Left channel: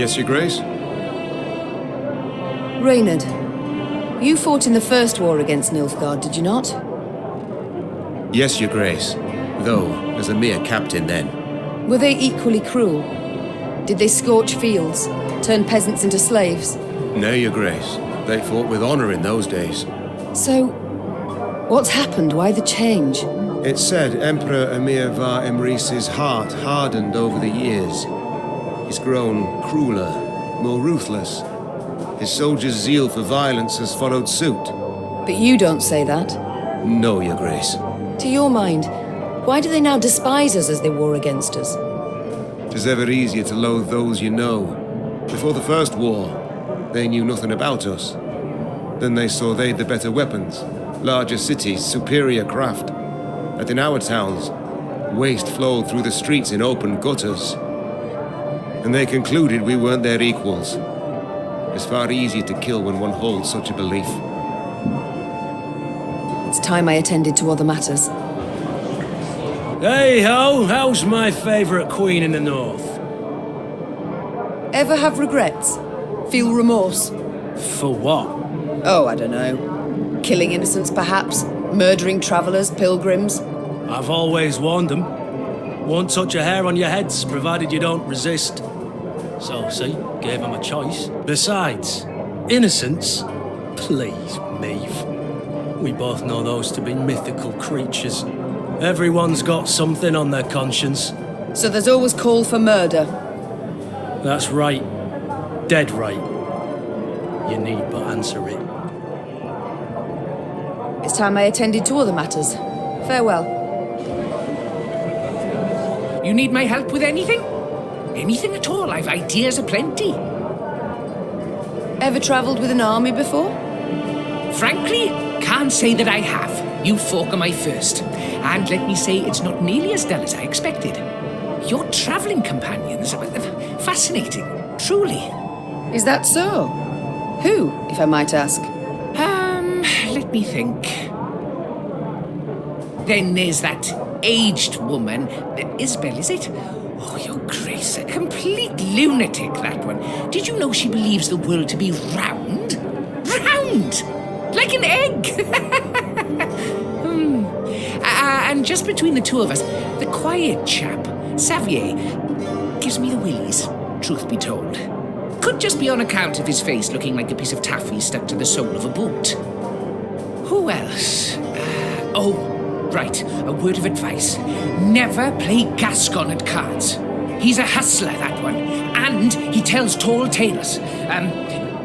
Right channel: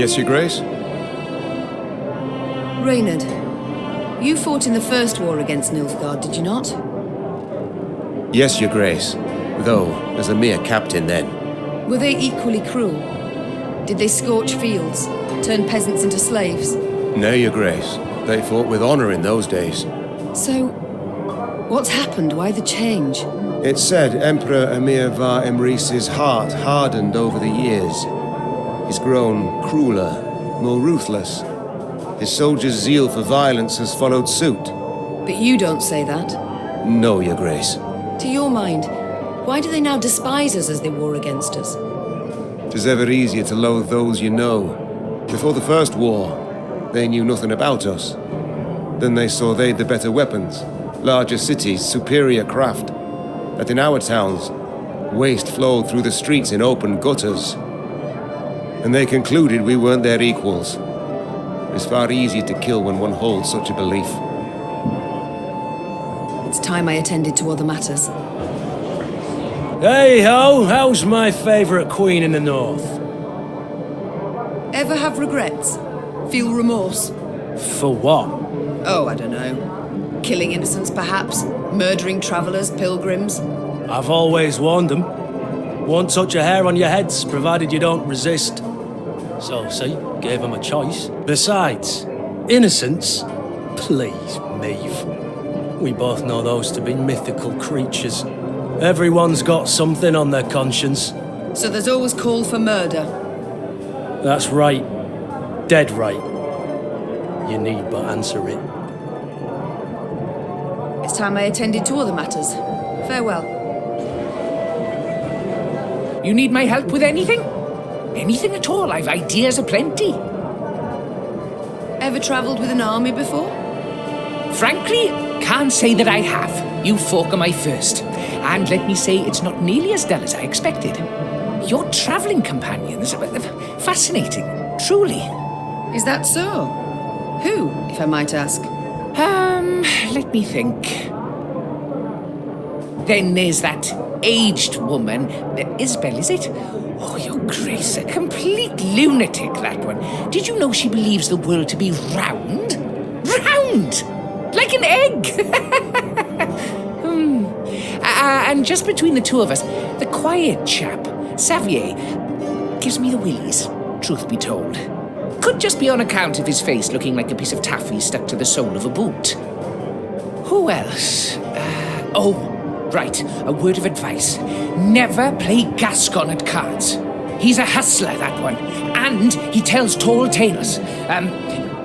Yes, Your Grace? Reynard, you fought in the first war against Nilfgaard, did you not? Yes, Your Grace. Though, as a mere captain then. Were they equally cruel? Did they scorch fields, turn peasants into slaves? No, Your Grace. They fought with honor in those days. So, what's happened? Why the change? It's said Emperor Emir var Emreis's heart hardened over the years. He's grown crueler, more ruthless. His soldiers' zeal for violence has followed suit. But you don't say that. No, Your Grace. To your mind, why do they now despise us as they war against us? 'Tis ever easier to loathe those you know. Before the first war, they knew nothing about us. Then they saw they'd the better weapons, larger cities, superior craft. That in our towns, waste flowed through the streets in open gutters. And they concluded we weren't their equals. It's far easier to kill when one holds such a belief. It's time I attended to other matters. Hey-ho, how's my favourite queen in the north? Ever have regrets? Feel remorse? For what? Oh, I don't know. Killing innocents, perhaps? Murdering travelers, pilgrims? I've always warned them. Won't touch a hair on your heads, provided you don't resist. So, see, gave them a choice. Besides, innocents? Please, Maeve. We both know those to be mythical creatures. Everyone's got something on their conscience. So there's always call for murder? That's right. Dead right. You need but answer it. It's time I attended to other matters. Farewell. You need my help with anything? Anything at all, I've ideas aplenty. Ever travelled with an army before? Frankly, can't say that I have. You folk are my first. And let me say, it's not nearly as dull as I expected. Your travelling companions are fascinating, truly. Is that so? Who, if I might ask? Let me think. Then there's that aged woman, Isabel, is it? Oh, Your Grace, a complete lunatic, that one. Did you know she believes the world to be round? Round! Like an egg! And just between the two of us, the quiet chap, Xavier, gives me the willies, truth be told. Could just be on account of his face looking like a piece of taffy stuck to the sole of a boot. Who else? Oh, right, a word of advice. Never play Gascon at cards. He's a hustler, that one. And he tells tall tales.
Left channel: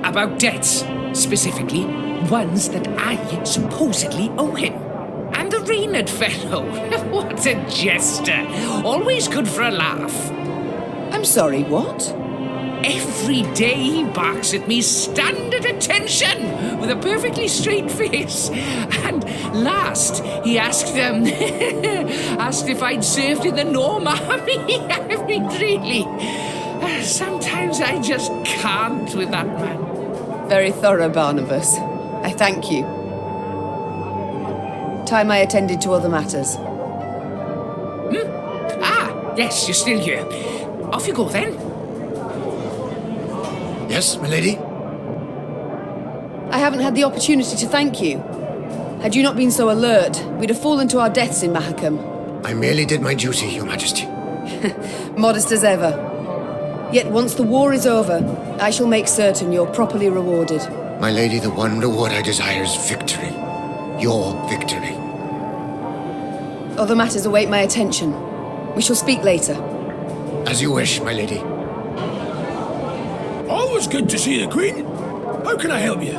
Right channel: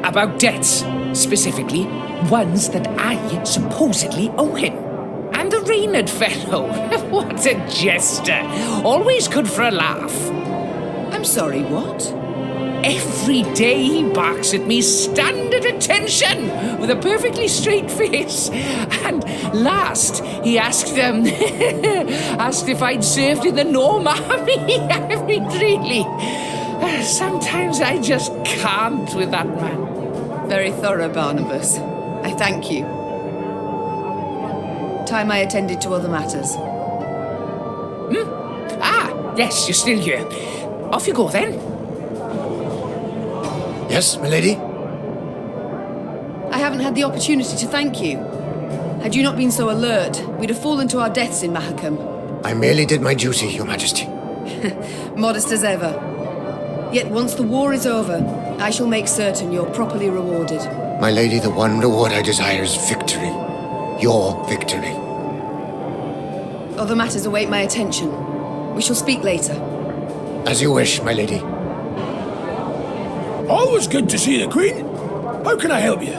About debts, specifically, ones that I supposedly owe him. And the Reynard fellow, what a jester. Always good for a laugh. I'm sorry, what? Every day he barks at me, stand at attention, with a perfectly straight face. And last, he asked if I'd served in the Norm Army. I mean, really, sometimes I just can't with that man. Very thorough, Barnabas. I thank you. Time I attended to other matters. Ah, yes, you're still here. Off you go, then. Yes, my lady? I haven't had the opportunity to thank you. Had you not been so alert, we'd have fallen to our deaths in Mahakam. I merely did my duty, Your Majesty. Modest as ever. Yet once the war is over, I shall make certain you're properly rewarded. My lady, the one reward I desire is victory. Your victory. Other matters await my attention. We shall speak later. As you wish, my lady. Always good to see the Queen. How can I help you?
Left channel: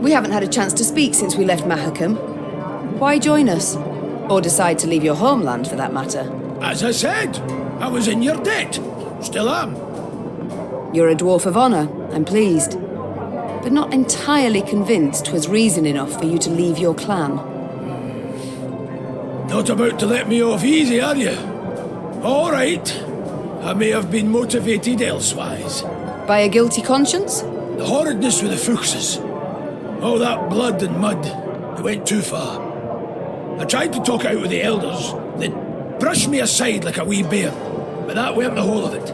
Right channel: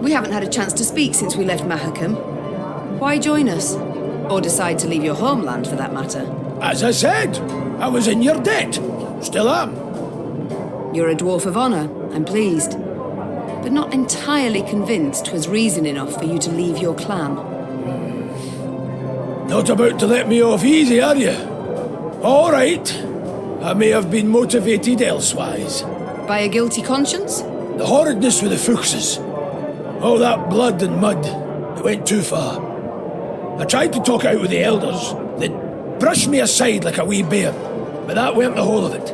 We haven't had a chance to speak since we left Mahakam. Why join us? Or decide to leave your homeland, for that matter? As I said, I was in your debt. Still am. You're a dwarf of honor, I'm pleased. But not entirely convinced 'twas reason enough for you to leave your clan. Not about to let me off easy, are you? All right. I may have been motivated elsewise. By a guilty conscience? The horridness with the Fuchses. All that blood and mud. It went too far. I tried to talk out with the elders. They brushed me aside like a wee bear. But that weren't the whole of it.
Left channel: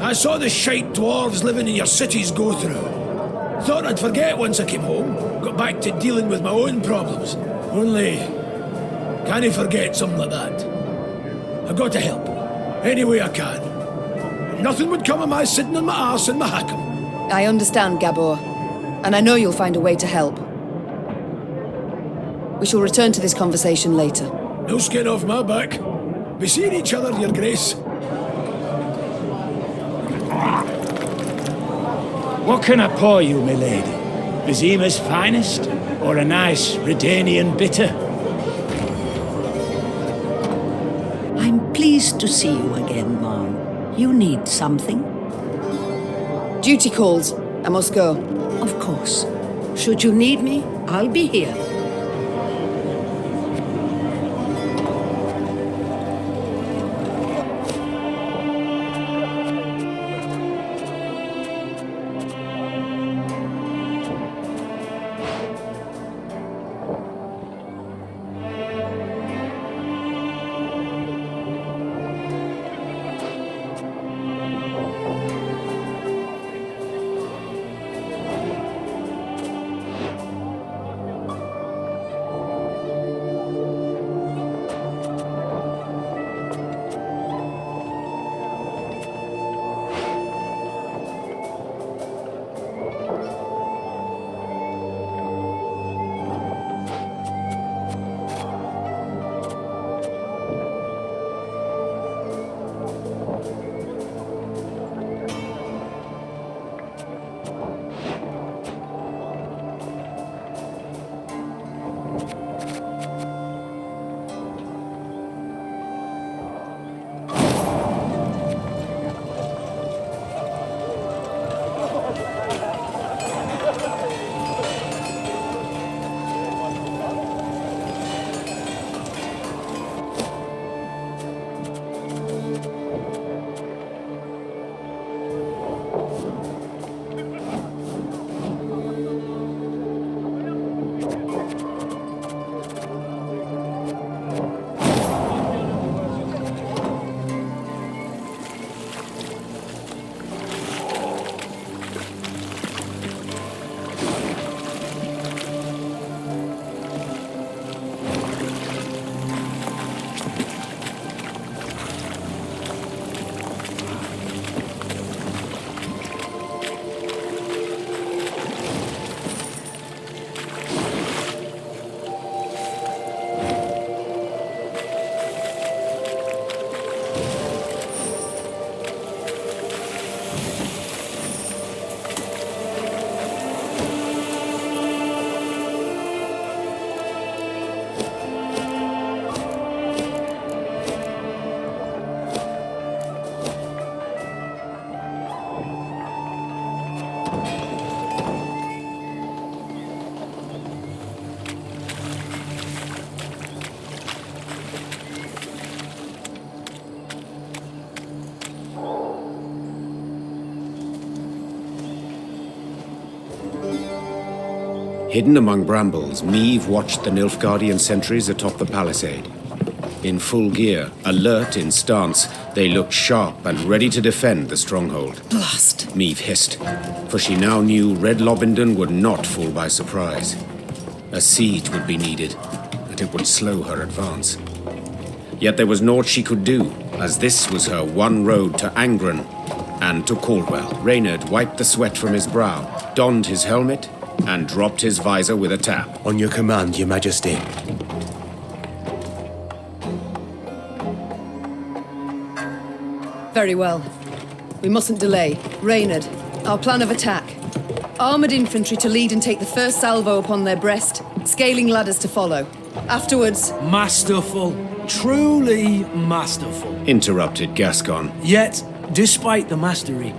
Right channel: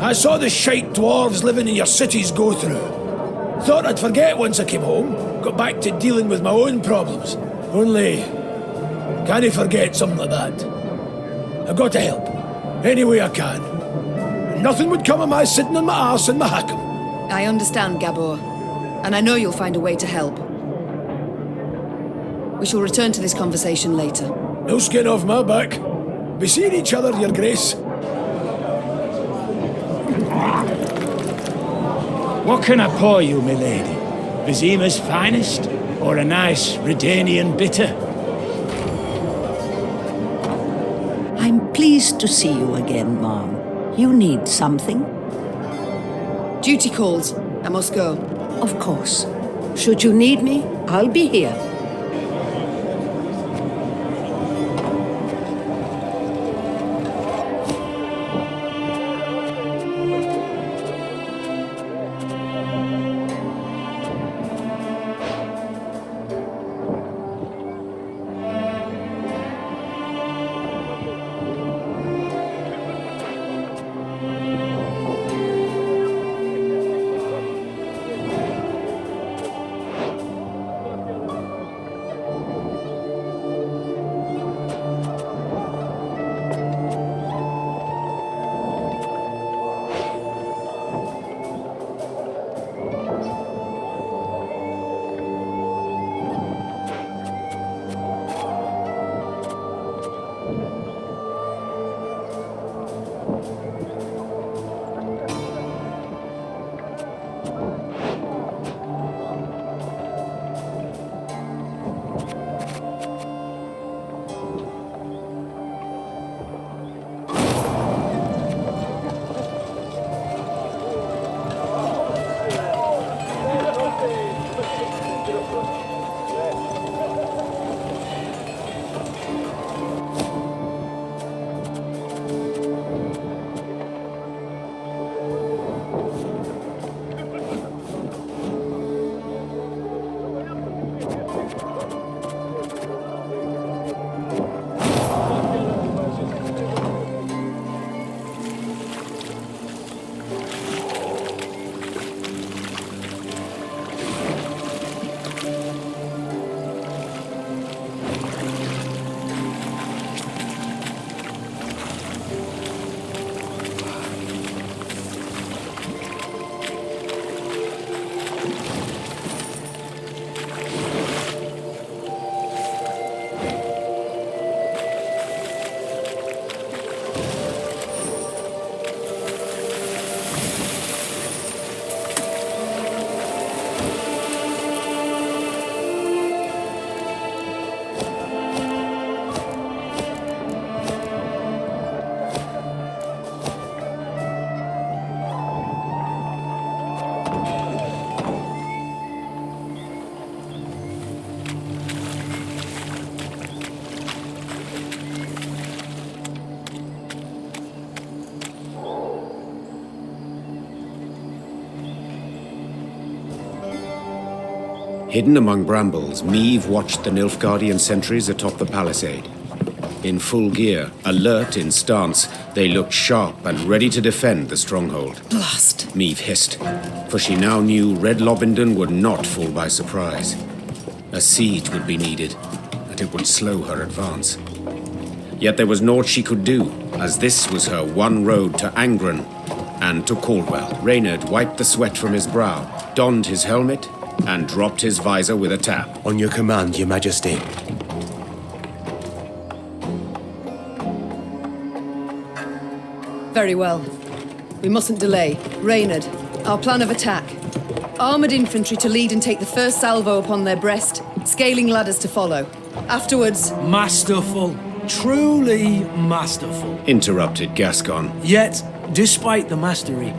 I saw the shite dwarves living in your cities go through. Thought I'd forget once I came home. Got back to dealing with my own problems. Only... can't I forget something like that? I've got to help. Any way I can. And nothing would come of my sitting on my arse in Mahakam. I understand, Gabor. And I know you'll find a way to help. We shall return to this conversation later. No skin off my back. Be seeing each other, your grace. What can I pour you, my lady? Vizima's finest? Or a nice Redanian bitter? I'm pleased to see you again, ma'am. You need something? Duty calls. I must go. Of course. Should you need me, I'll be here. Hidden among brambles, Meve watched the Nilfgaardian sentries atop the palisade. In full gear, alert in stance, they looked sharp and ready to defend the stronghold. Blast! Meve hissed, for she now knew Red Lobendon would not fall by surprise. A siege would be needed, and it would slow her advance. Yet there was naught she could do, as this was her one road to Angren and to Caldwell. Reynard wiped the sweat from his brow, donned his helmet, and dropped his visor with a tap. On your command, Your Majesty. Very well. We mustn't delay. Reynard, our plan of attack. Armoured infantry to lead and take the first salvo upon their breast, scaling ladders to follow. Afterwards... Masterful. Truly masterful. Interrupted Gascon. Yet, despite the mastery,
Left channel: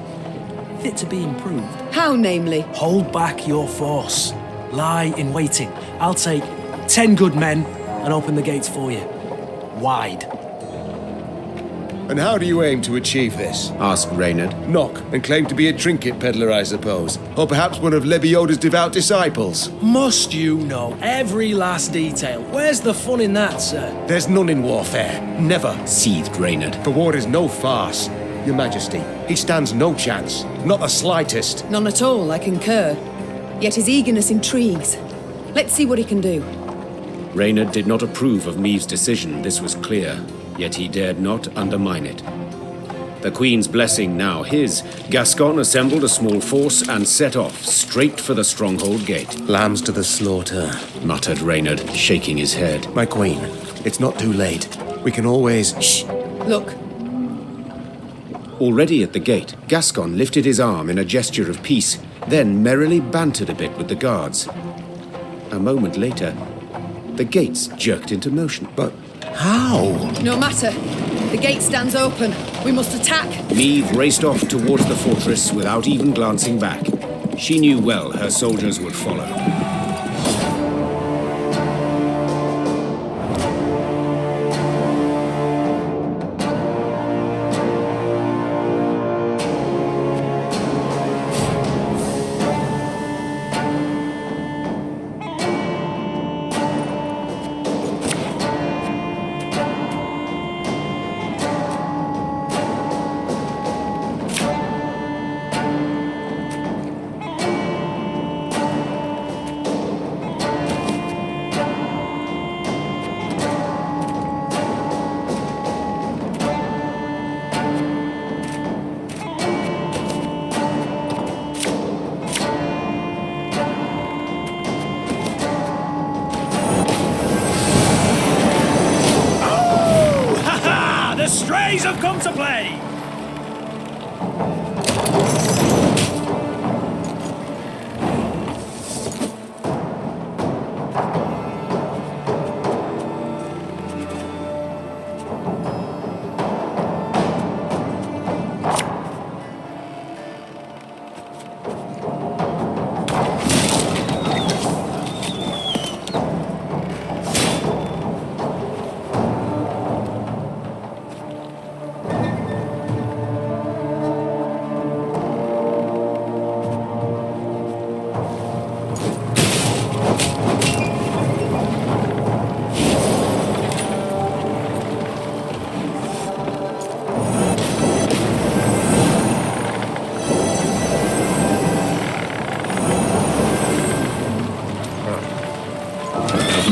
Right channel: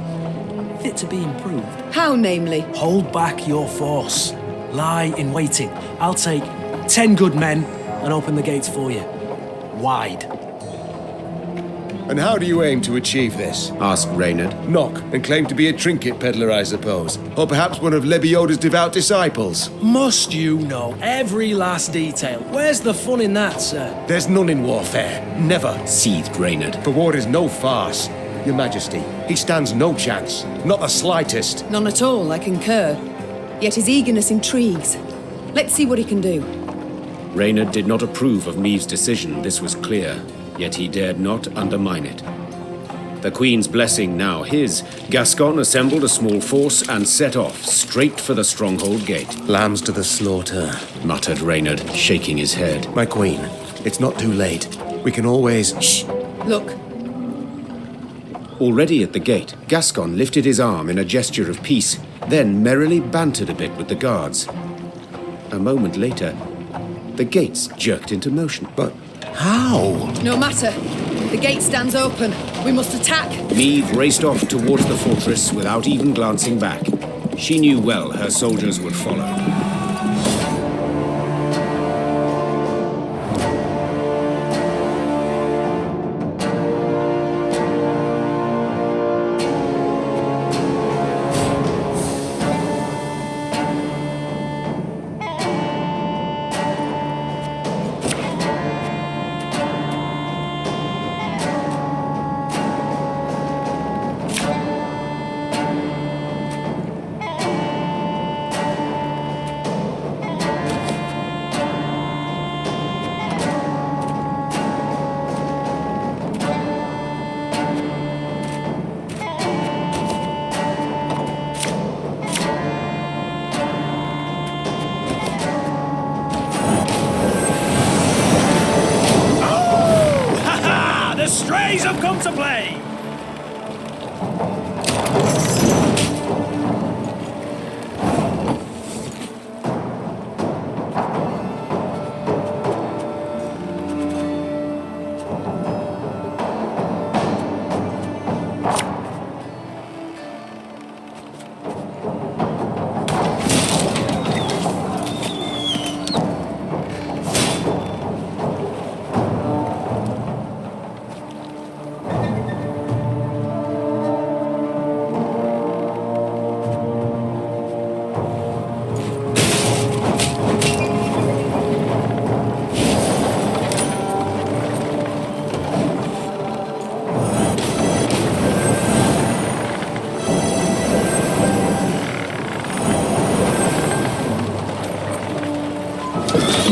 fit to be improved. How, namely? Hold back your force. Lie in waiting. I'll take 10 good men and open the gates for you. Wide. And how do you aim to achieve this? Asked Reynard. Knock and claim to be a trinket peddler, I suppose. Or perhaps one of Lebioda's devout disciples. Must you know every last detail? Where's the fun in that, sir? There's none in warfare. Never. Seethed Reynard. For war is no farce. Your Majesty, he stands no chance. Not the slightest. None at all, I concur. Yet his eagerness intrigues. Let's see what he can do. Reynard did not approve of Meave's decision, this was clear, yet he dared not undermine it. The Queen's blessing now his, Gascon assembled a small force and set off, straight for the stronghold gate. Lambs to the slaughter, muttered Reynard, shaking his head. My Queen, it's not too late. We can always... Shh! Look. Already at the gate, Gascon lifted his arm in a gesture of peace, then merrily bantered a bit with the guards. A moment later, the gates jerked into motion. But how? No matter. The gate stands open. We must attack. Meave raced off towards the fortress without even glancing back. She knew well her soldiers would follow. The strays have come to play!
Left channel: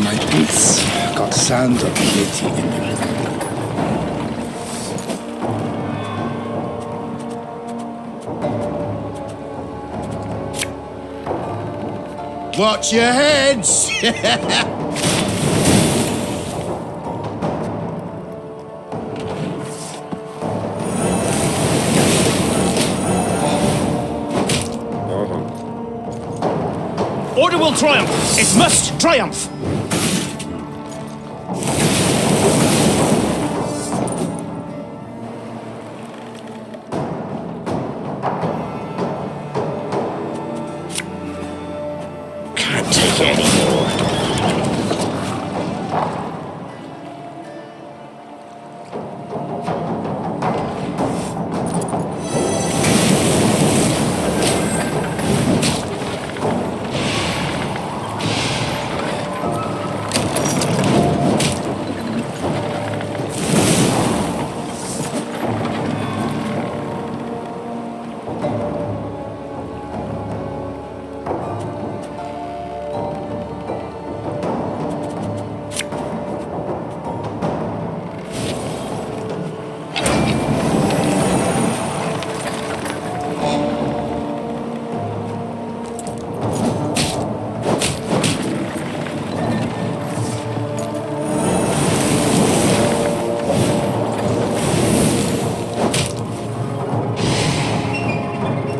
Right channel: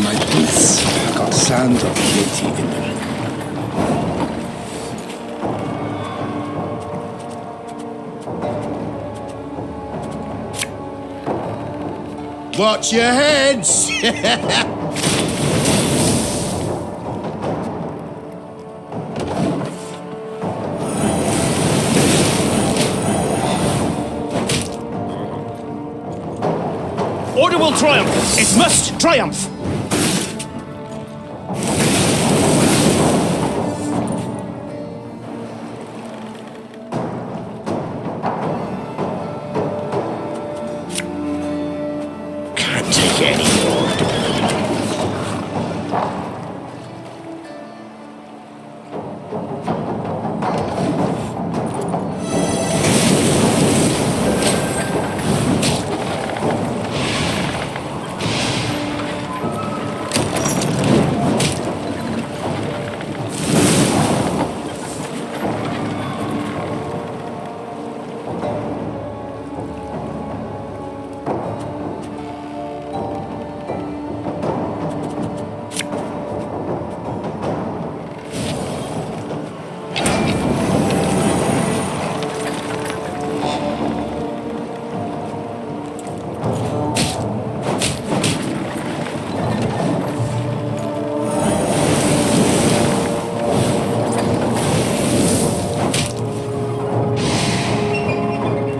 My boots got sand of plenty in them. Watch your heads! Order will triumph! It must triumph! Can't take it anymore.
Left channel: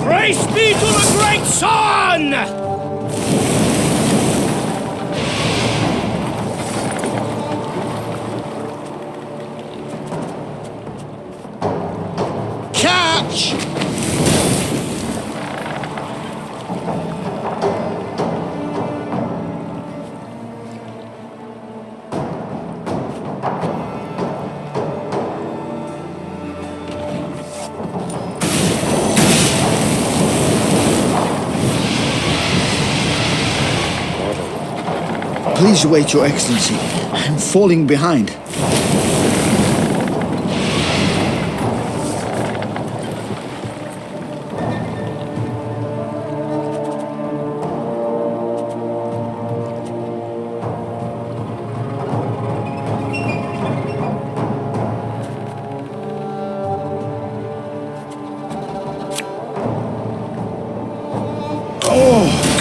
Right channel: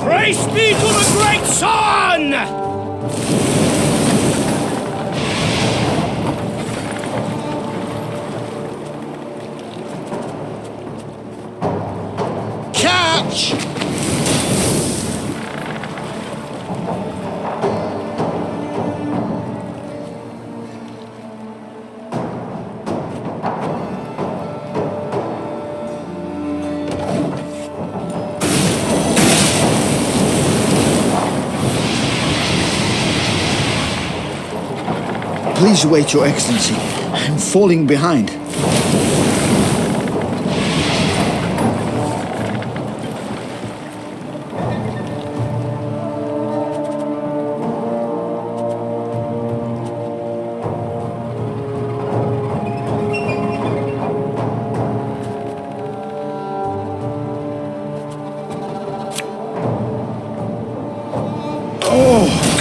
Praise be to the great sun! Catch! Please wait, Your Excellency. I'm falling behind.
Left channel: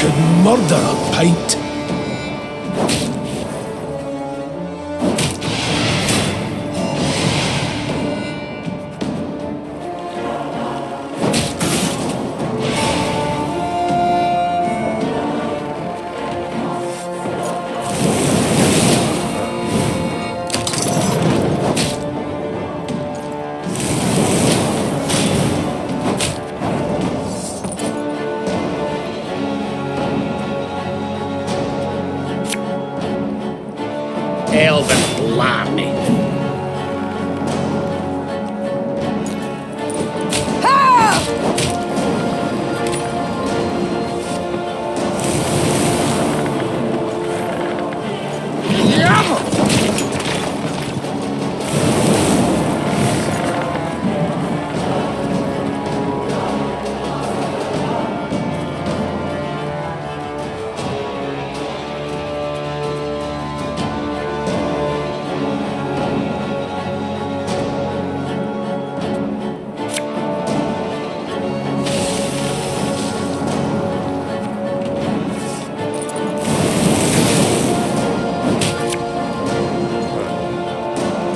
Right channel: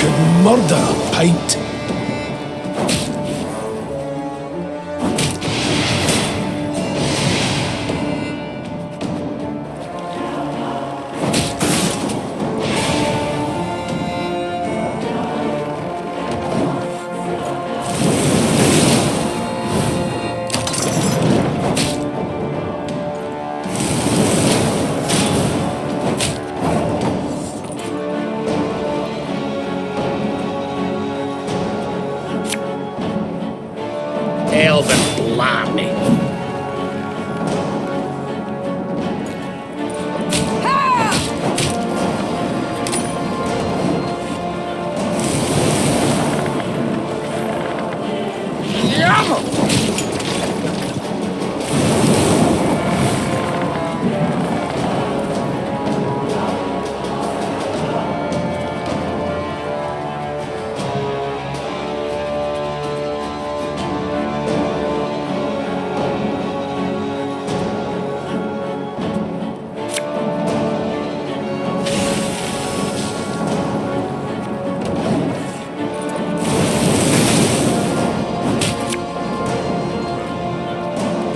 could murder a pint. Elven blarney.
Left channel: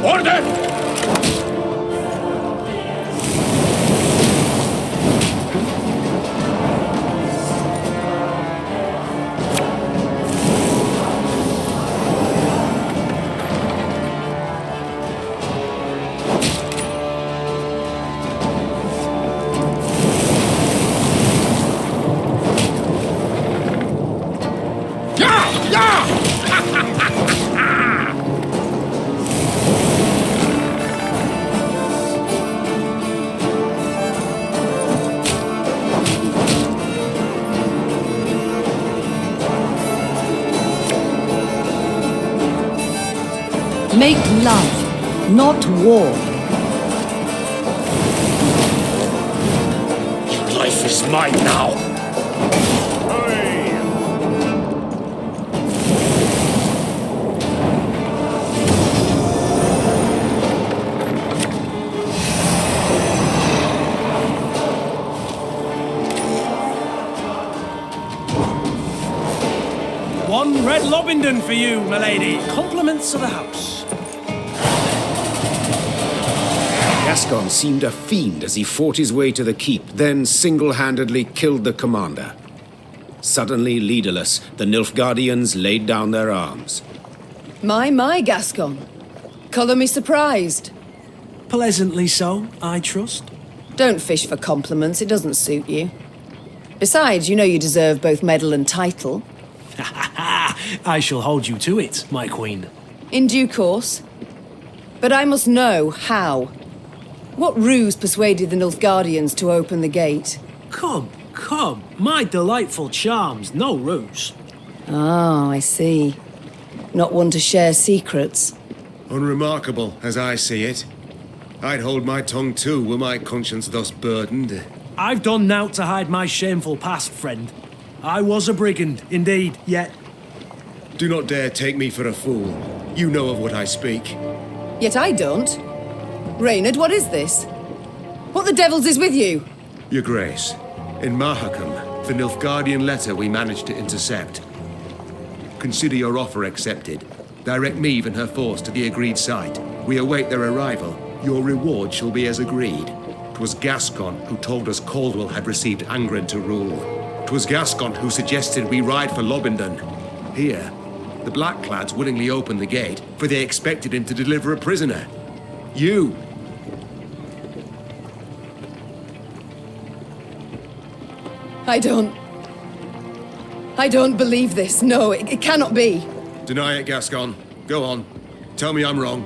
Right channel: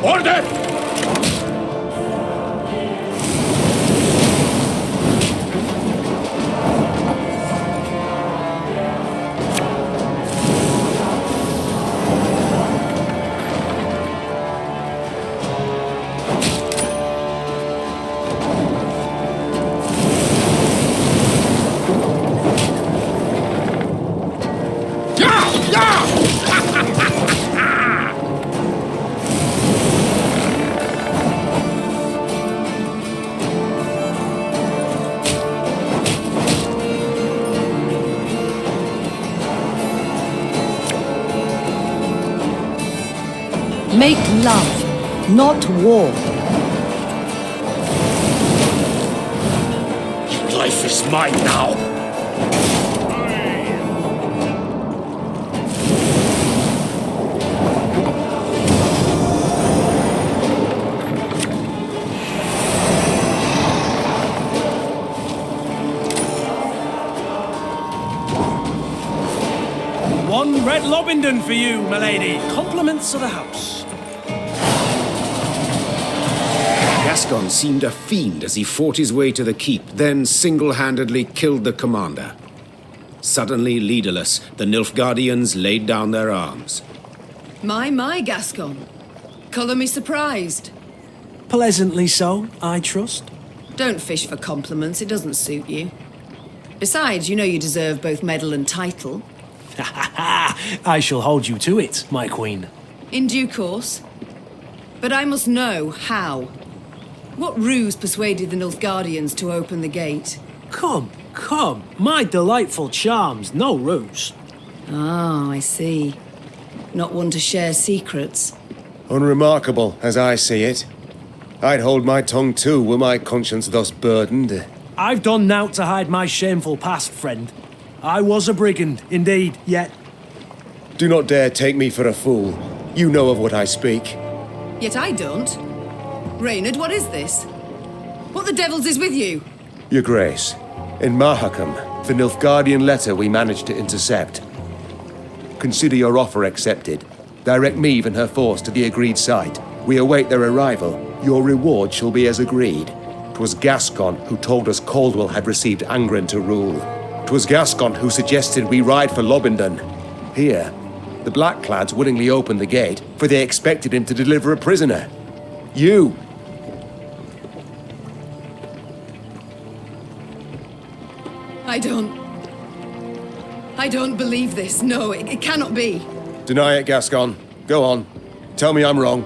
Order! Make love, not war. Your life is mine now. One red Lobington for you, my lady. Compliments of the house. Gascon seemed a fiend as he fought his way to the keep, then single-handedly killed the commander. Suddenly leaderless, the Nilfgaardians laid down their arms. My, Gascon. Colour me surprised. Pleasantly so, I trust. Don't fish for compliments, it doesn't suit you. Besides, you know you deserve both medal and title. I shall hold you to it, my queen. In due course. But I must know how. What ruse persuaded the Nilfgaardians to open the gate? Come. My delightful charms, no ruse. Ah, I see. Not one to share secrets. Unremarkable, as I see it. I'd hold my tongue too, were my conscience thus burdened. I've done naught to hide my shameful past, friend. I was a brigand, indeed, yet... Do not dare take me for a fool. You know of what I speak. Yet I don't. Reynard, what is this? What the devils is with you? Your Grace, in Mahakam, the Nilfgaardian letter we managed to intercept. Consider your offer accepted. Direct Meve and her force to the agreed site. We await their arrival. Your reward shall be as agreed. 'Twas Gascon who told us Caldwell had received Angren to rule. 'Twas Gascon who suggested we ride for Lobington. Here, the Blackclads willingly opened the gate, for they expected him to deliver a prisoner. You! I don't believe this. No, it cannot be. Deny it, Gascon. Go on. Tell me I'm wrong.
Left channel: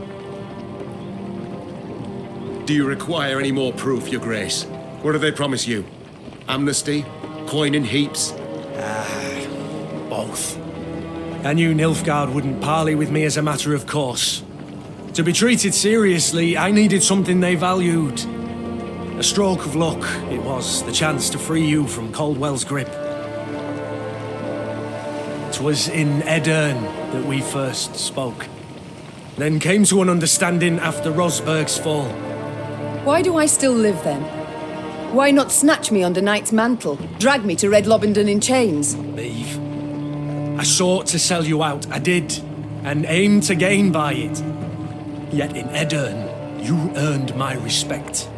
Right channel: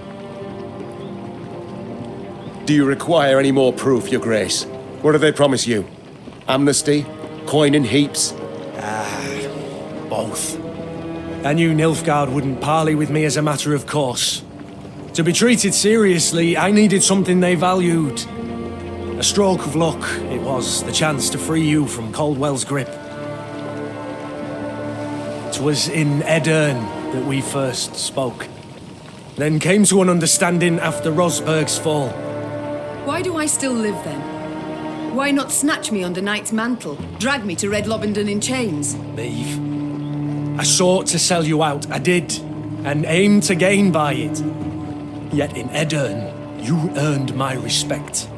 Do you require any more proof, Your Grace? What do they promise you? Amnesty? Coin in heaps? Both. I knew Nilfgaard wouldn't parley with me as a matter of course. To be treated seriously, I needed something they valued. A stroke of luck, it was, the chance to free you from Caldwell's grip. 'Twas in Edern that we first spoke. Then came to an understanding after Rosberg's fall. Why do I still live then? Why not snatch me under Knight's mantle? Drag me to Red Lobendon in chains? Maeve, I sought to sell you out, I did, and aimed to gain by it. Yet in Edern, you earned my respect.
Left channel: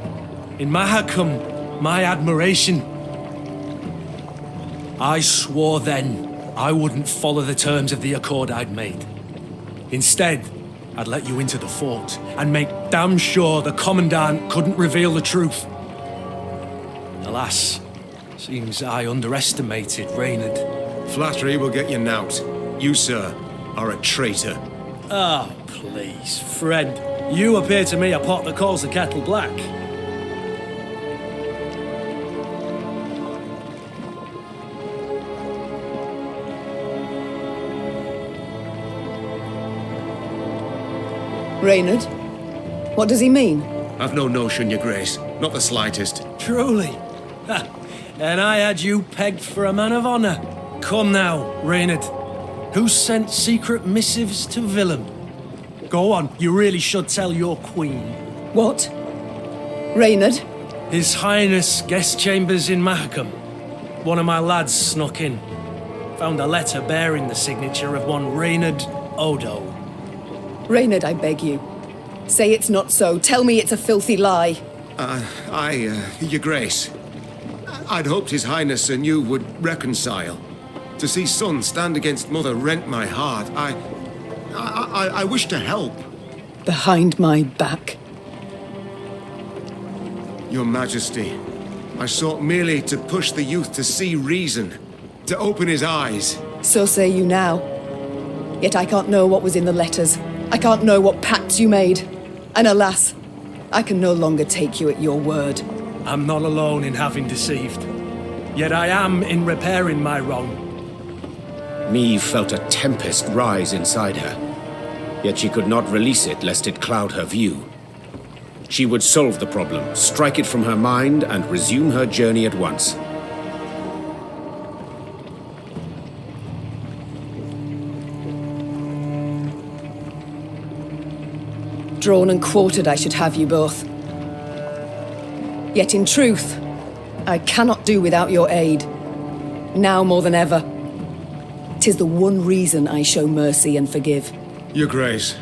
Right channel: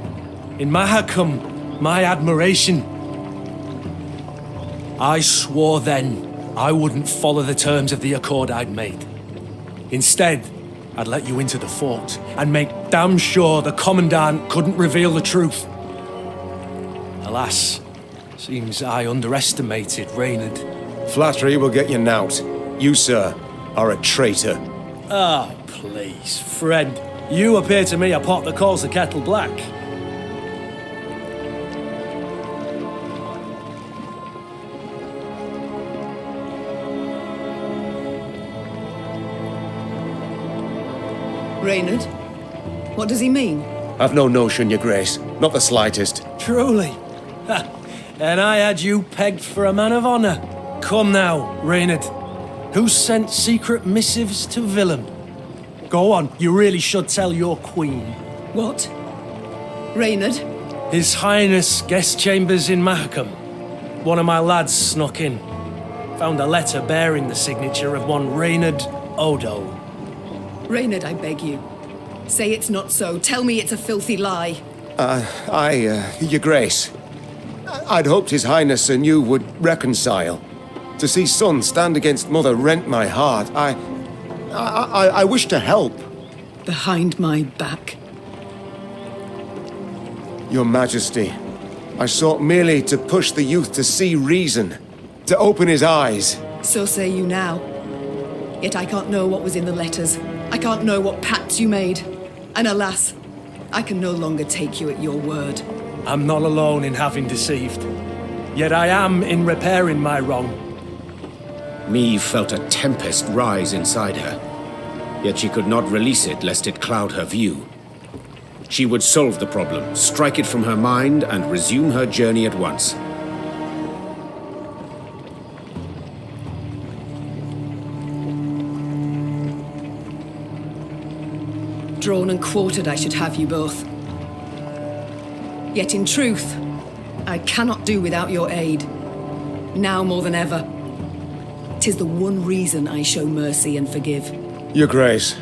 In Mahakam, my admiration. I swore then I wouldn't follow the terms of the accord I'd made. Instead, I'd let you into the fort and make damn sure the Commandant couldn't reveal the truth. Alas, seems I underestimated Reynard. Flattery will get you nowt. You, sir, are a traitor. Ah, please, friend. You appear to me a pot that calls the kettle black. Reynard? What does he mean? I've no notion, your grace. Not the slightest. Truly? Ha! And I had you pegged for a man of honor. Come now, Reynard. Who sent secret missives to Willem? Go on, you really should tell your queen. What? Reynard? His Highness guest chambers in Mahakam. One of my lads snuck in. Found a letter bearing the signature of one Reynard Odo. Reynard, I beg you. Say it's not so. Tell me it's a filthy lie. Your grace. I'd hoped His Highness and you would reconcile. To see son stand against mother rent my heart. I wish to help. Behind my back. Your Majesty, I sought merely to push the youth to see reason, to open his eyes. So say you now. Yet I can't know what was in the letters. I can't know what pacts you made. And alas, I can no longer take you at your word. I'm not alone in having deceived. Yet I am in repairing my wrong. Maeve felt a tempest rise inside her. Yet she could not release it lest it cloud her view. She would solve the problem, strike it from her mind, and resume her journey at once. Drawn and quartered I should have you both. Yet in truth, I cannot do without your aid. Now more than ever. 'Tis the one reason I show mercy and forgive. Your grace,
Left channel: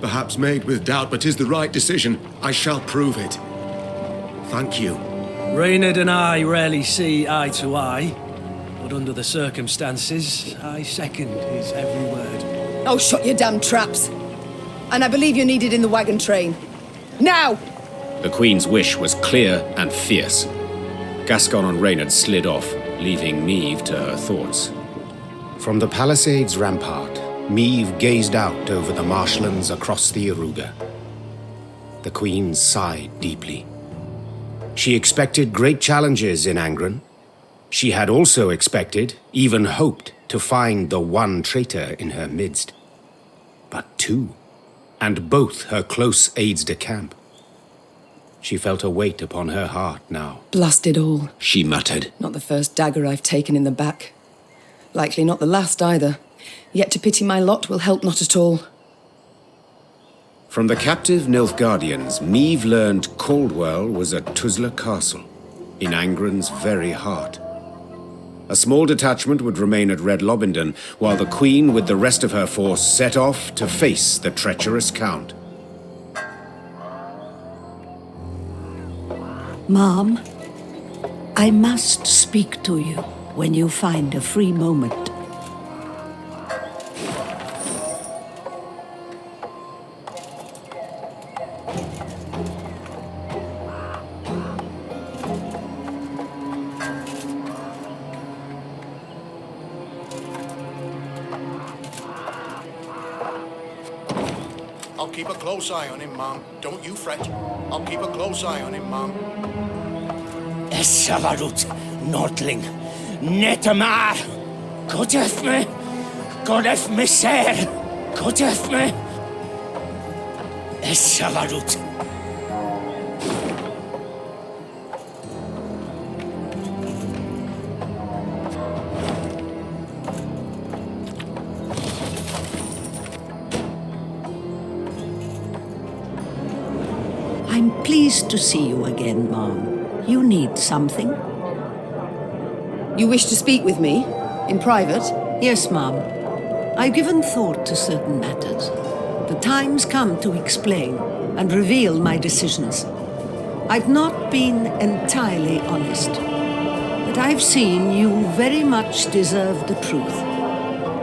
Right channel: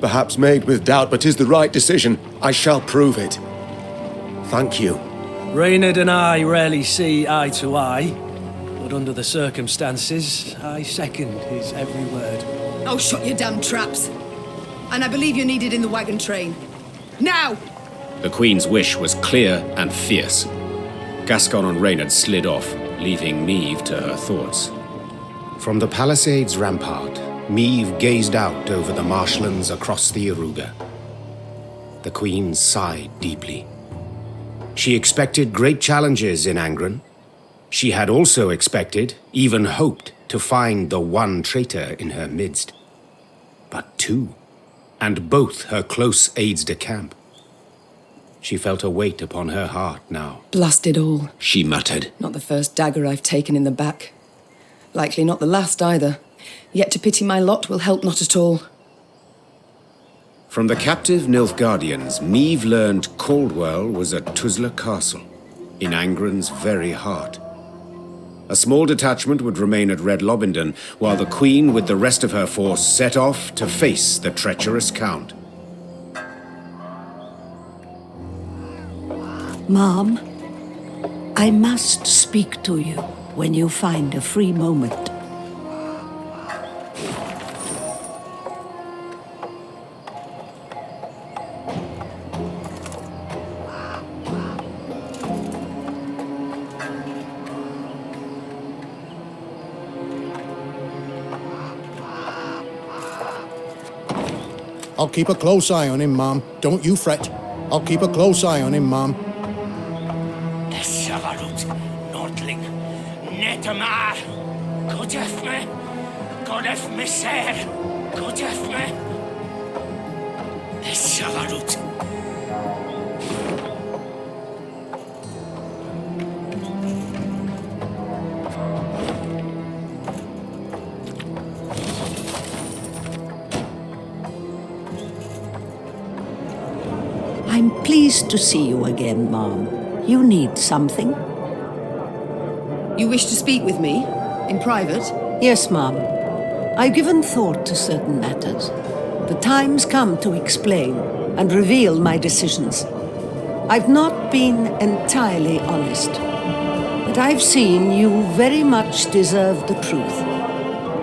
perhaps made with doubt, but 'tis the right decision. I shall prove it. Thank you. Reynard and I rarely see eye to eye, but under the circumstances, I second his every word. Oh, shut your damn traps! And I believe you're needed in the wagon train. Now! The Queen's wish was clear and fierce. Gascon and Reynard slid off, leaving Maeve to her thoughts. From the palisade's rampart, Maeve gazed out over the marshlands across the Iruga. The Queen sighed deeply. She expected great challenges in Angren. She had also expected, even hoped, to find the one traitor in her midst. But two, and both her close aides-de-camp. She felt a weight upon her heart now. Blast it all. She muttered. Not the first dagger I've taken in the back. Likely not the last either. Yet to pity my lot will help not at all. From the captive Nilfgaardians, Maeve learned Caldwell was at Tuzla Castle, in Angren's very heart. A small detachment would remain at Red Lobendon, while the Queen with the rest of her force set off to face the treacherous Count. Mom, I must speak to you when you find a free moment. I'll keep a close eye on him, Mom. Don't you fret. I'll keep a close eye on him, Mom. Savarut, Nordling, Netamar, Godef me, sir, Godef me. Savarut. I'm pleased to see you again, Mom. You need something? You wish to speak with me? In private? Yes, Mom. I've given thought to certain matters. The time's come to explain and reveal my decisions. I've not been entirely honest, but I've seen you very much deserve the truth.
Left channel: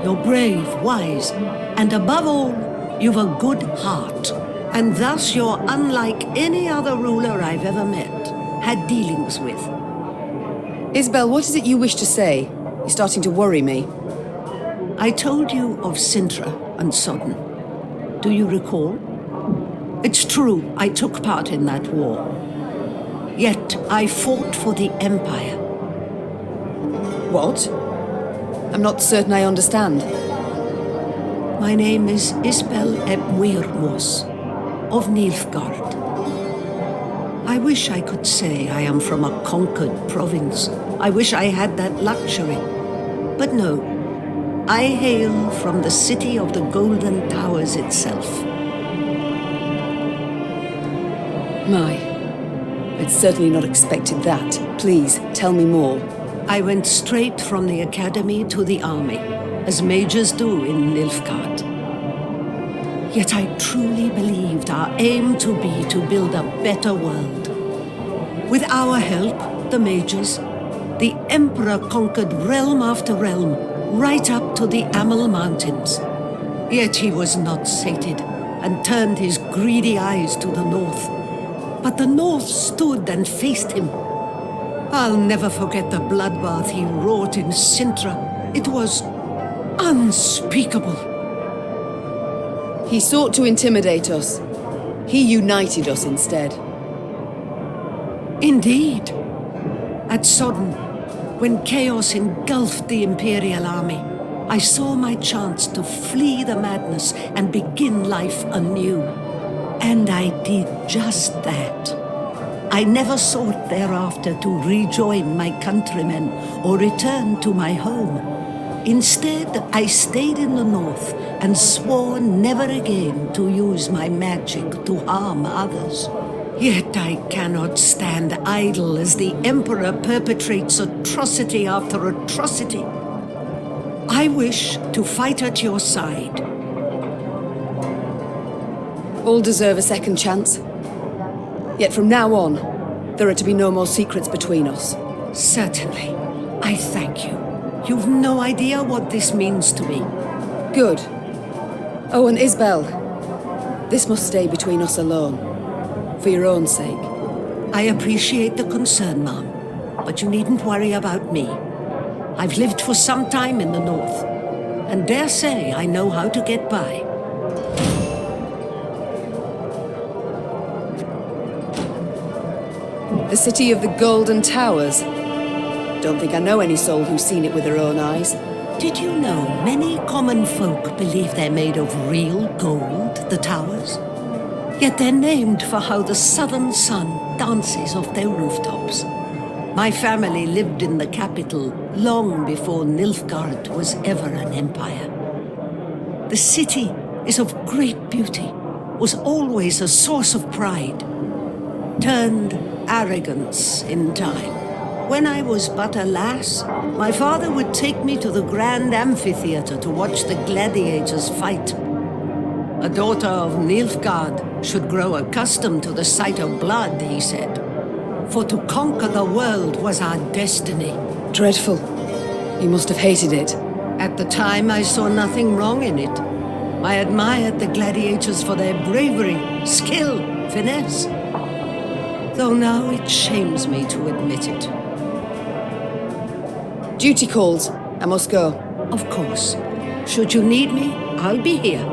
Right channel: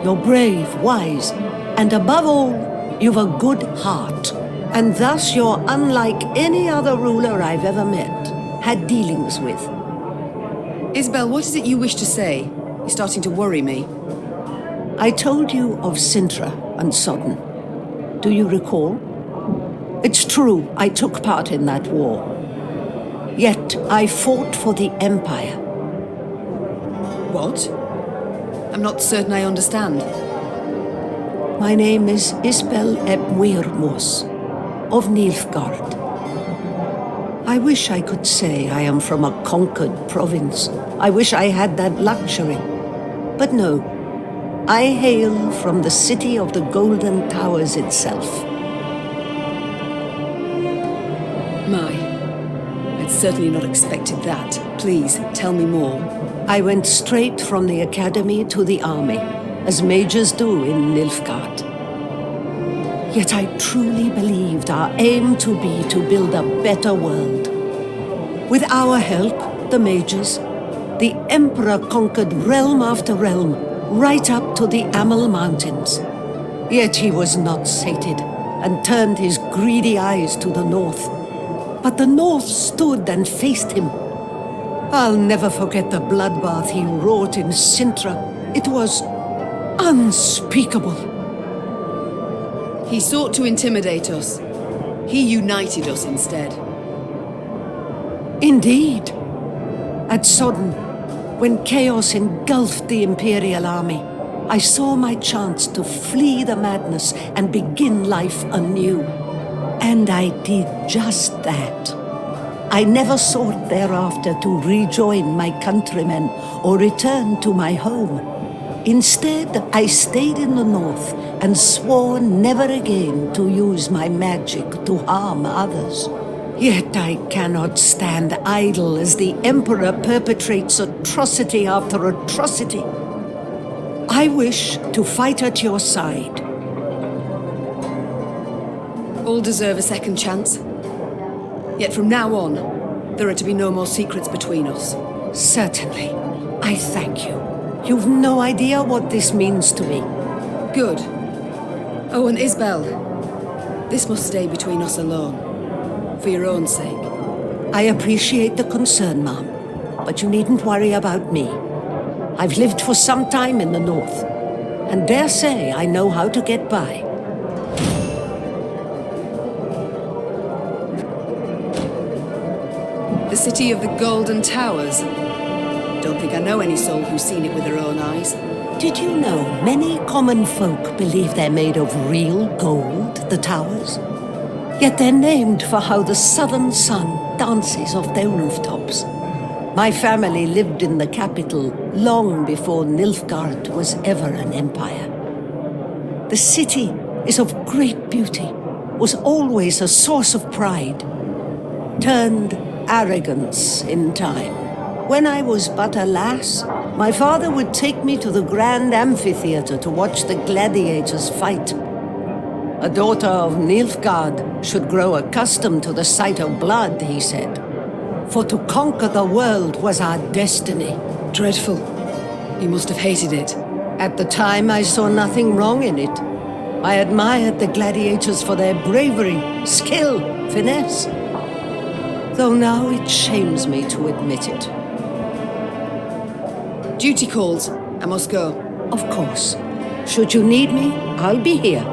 You're brave, wise, and above all, you've a good heart. And thus you're unlike any other ruler I've ever met, had dealings with. Isbel, what is it you wish to say? You're starting to worry me. I told you of Sintra and Sodden. Do you recall? It's true, I took part in that war. Yet I fought for the Empire. What? I'm not certain I understand. My name is Isbel eb Muirmos, of Nilfgaard. I wish I could say I am from a conquered province. I wish I had that luxury. But no, I hail from the city of the Golden Towers itself. My, I'd certainly not expected that. Please, tell me more. I went straight from the academy to the army, as majors do in Nilfgaard. Yet I truly believed our aim to be to build a better world. With our help, the majors, the Emperor conquered realm after realm, right up to the Amel Mountains. Yet he was not sated, and turned his greedy eyes to the north. But the north stood and faced him. I'll never forget the bloodbath he wrought in Sintra. It was unspeakable. He sought to intimidate us. He united us instead. Indeed. At Sodden, when chaos engulfed the Imperial army, I saw my chance to flee the madness and begin life anew. And I did just that. I never sought thereafter to rejoin my countrymen or return to my home. Instead, I stayed in the north and swore never again to use my magic to harm others. Yet I cannot stand idle as the Emperor perpetrates atrocity after atrocity. I wish to fight at your side. All deserve a second chance. Yet from now on, there are to be no more secrets between us. Certainly. I thank you. You've no idea what this means to me. Good. Oh, and Isbel, this must stay between us alone. For your own sake. I appreciate the concern, Mom, but you needn't worry about me. I've lived for some time in the north, and dare say I know how to get by. The city of the Golden Towers. Don't think I know any soul who's seen it with her own eyes. Did you know many common folk believe they're made of real gold, the towers? Yet they're named for how the southern sun dances off their rooftops. My family lived in the capital long before Nilfgaard was ever an empire. The city is of great beauty, was always a source of pride, turned arrogance in time. When I was but a lass, my father would take me to the grand amphitheater to watch the gladiators fight. A daughter of Nilfgaard should grow accustomed to the sight of blood, he said. For to conquer the world was our destiny. Dreadful. You must have hated it. At the time, I saw nothing wrong in it. I admired the gladiators for their bravery, skill, finesse. Though now it shames me to admit it. Duty calls. I must go. Of course. Should you need me, I'll be here.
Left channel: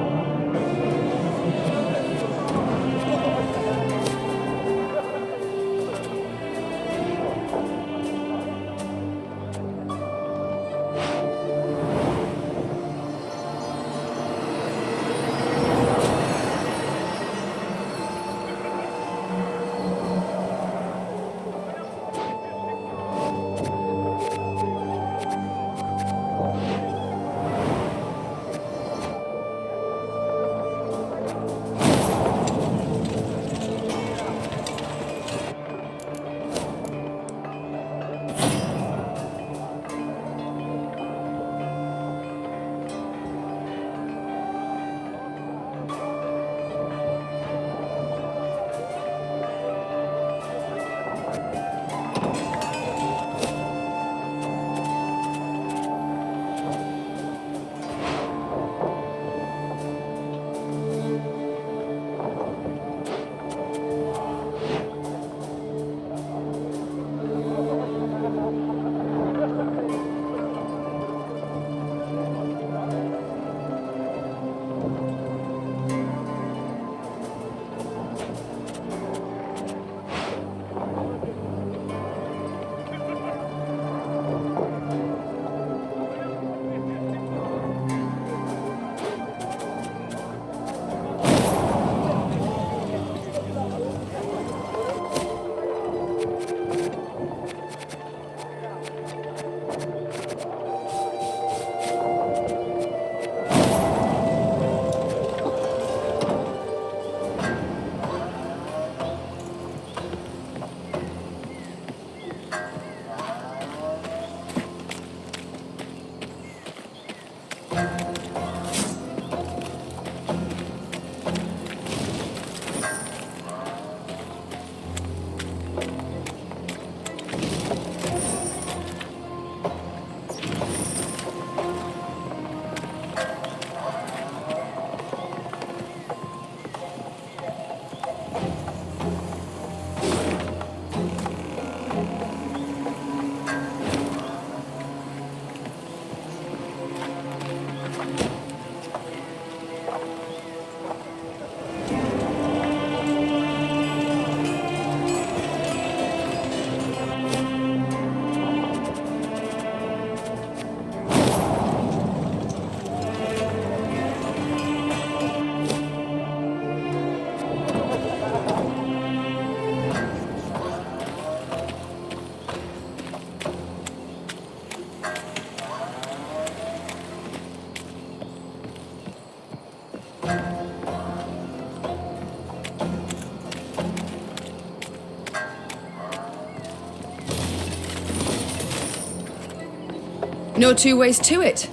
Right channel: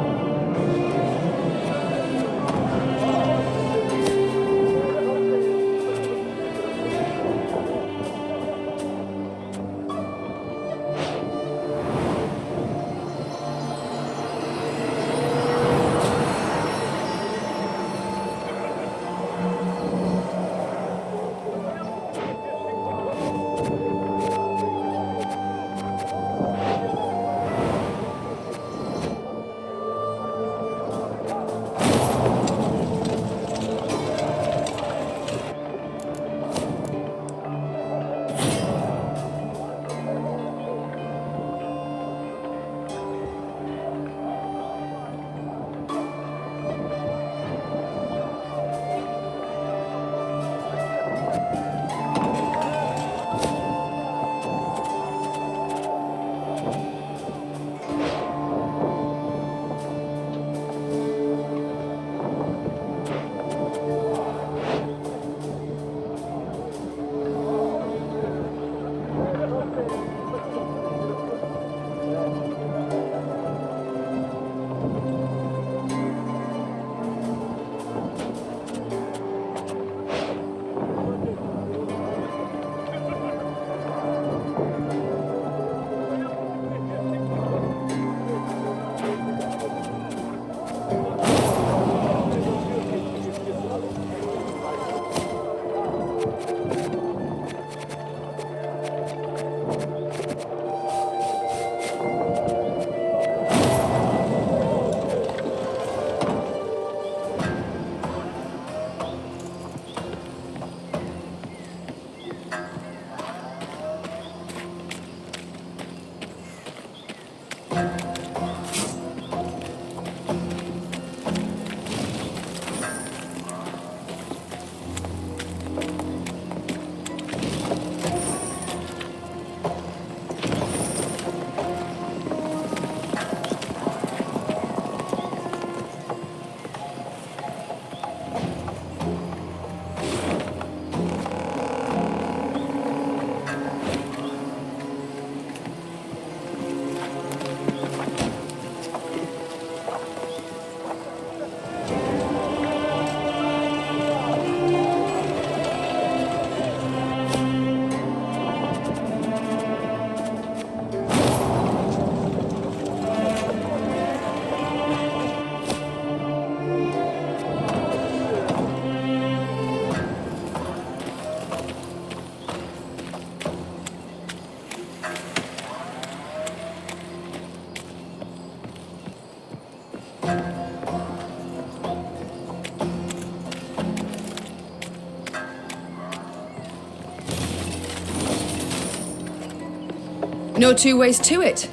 No two ways to it.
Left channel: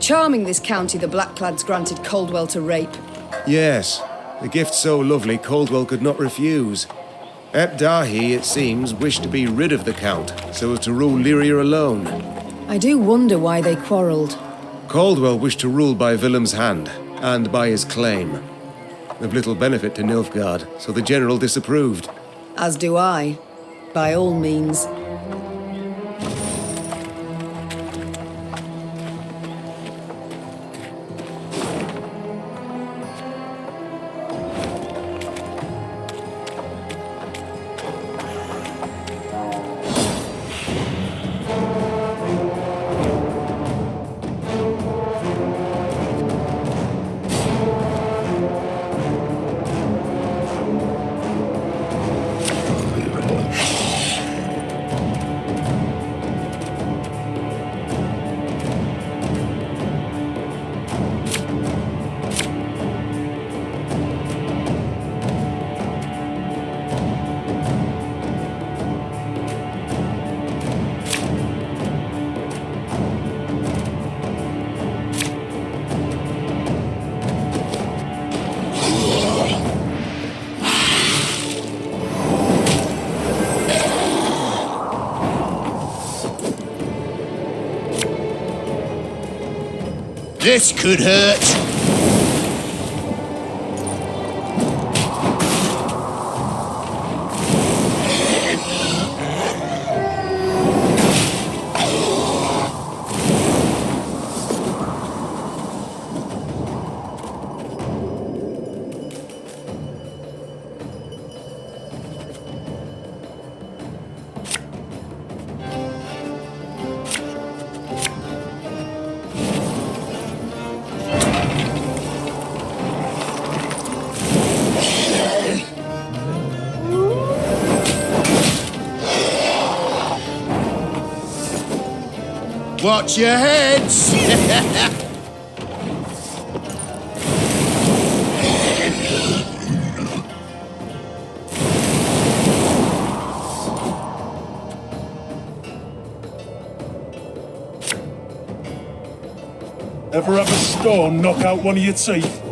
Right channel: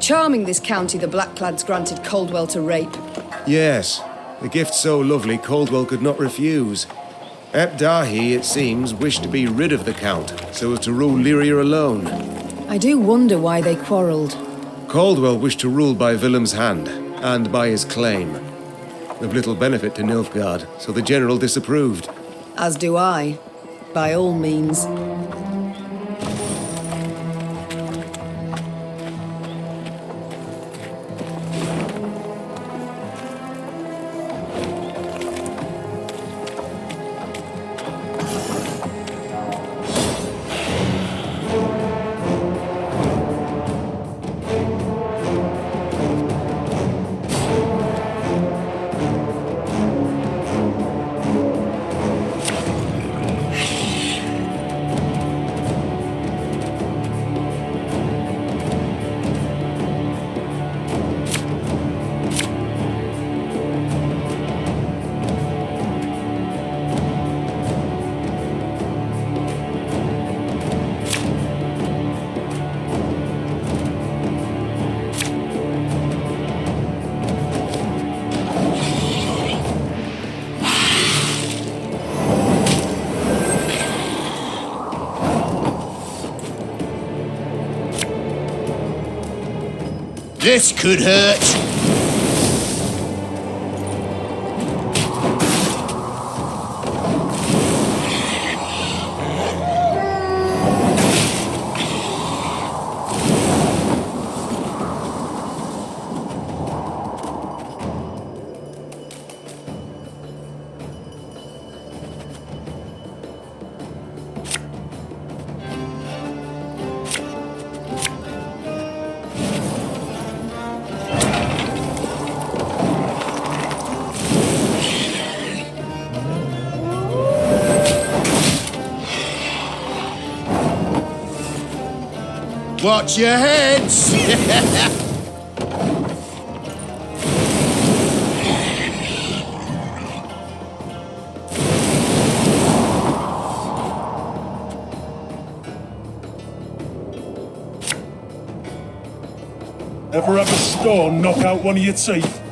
Charming this county the Blackclads granted Caldwell to rape. Yes, a gift so lovely Caldwell could not refuse. Dahi, it seems, wished to be rid of the Count, so as to rule Lyria alone. I do wonder why they quarrelled. Caldwell wished to rule by Willem's hand, and by his claim. Of little benefit to Nilfgaard, so the general disapproved. As do I. By all means. This could hurt. Watch your heads! Ever have a stone knock out one of your teeth?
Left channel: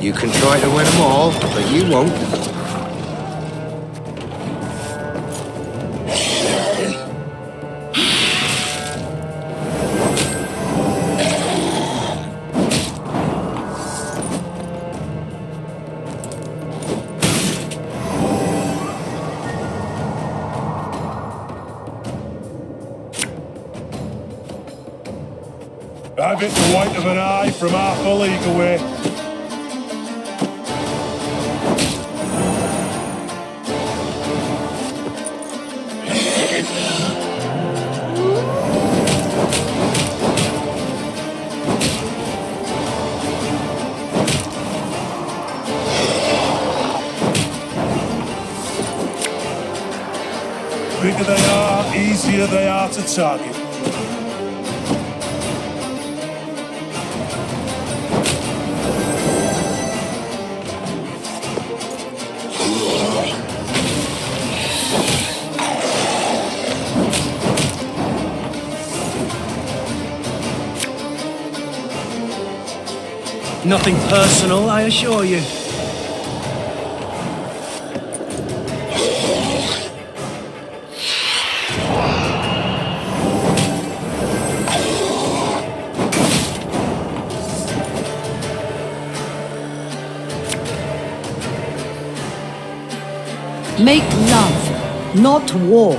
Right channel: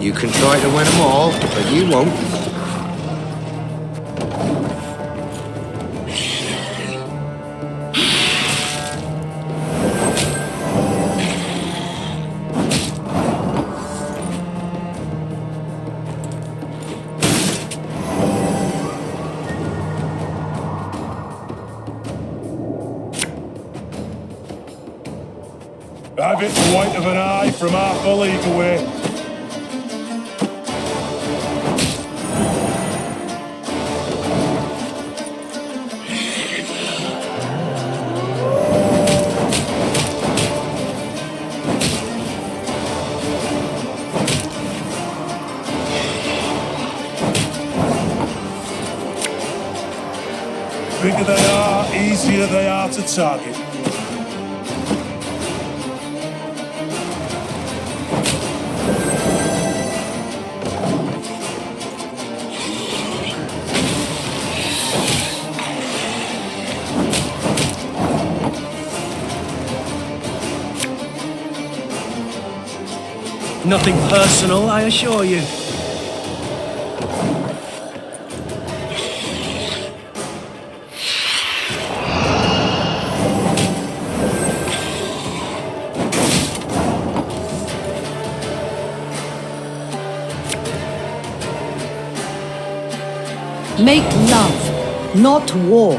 You can try to win them all, but you won't. I've hit the white of an eye from half a league away. Bigger they are, easier they are to target. Nothing personal, I assure you. Make love, not war.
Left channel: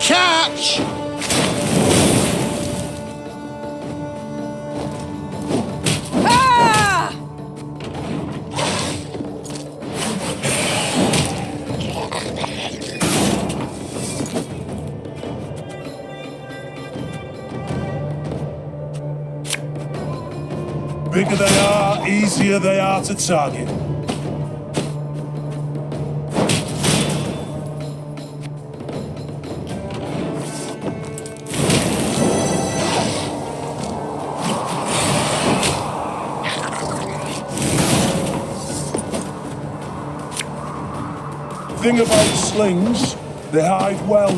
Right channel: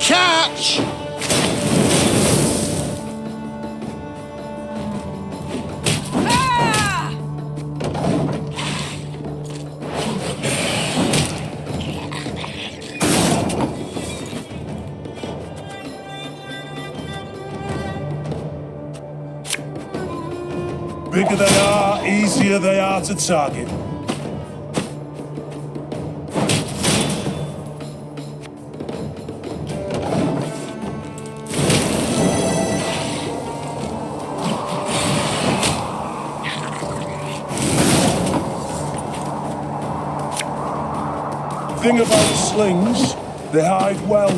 Catch! Bigger they are, easier they are to target. Thing about slings, they hide well.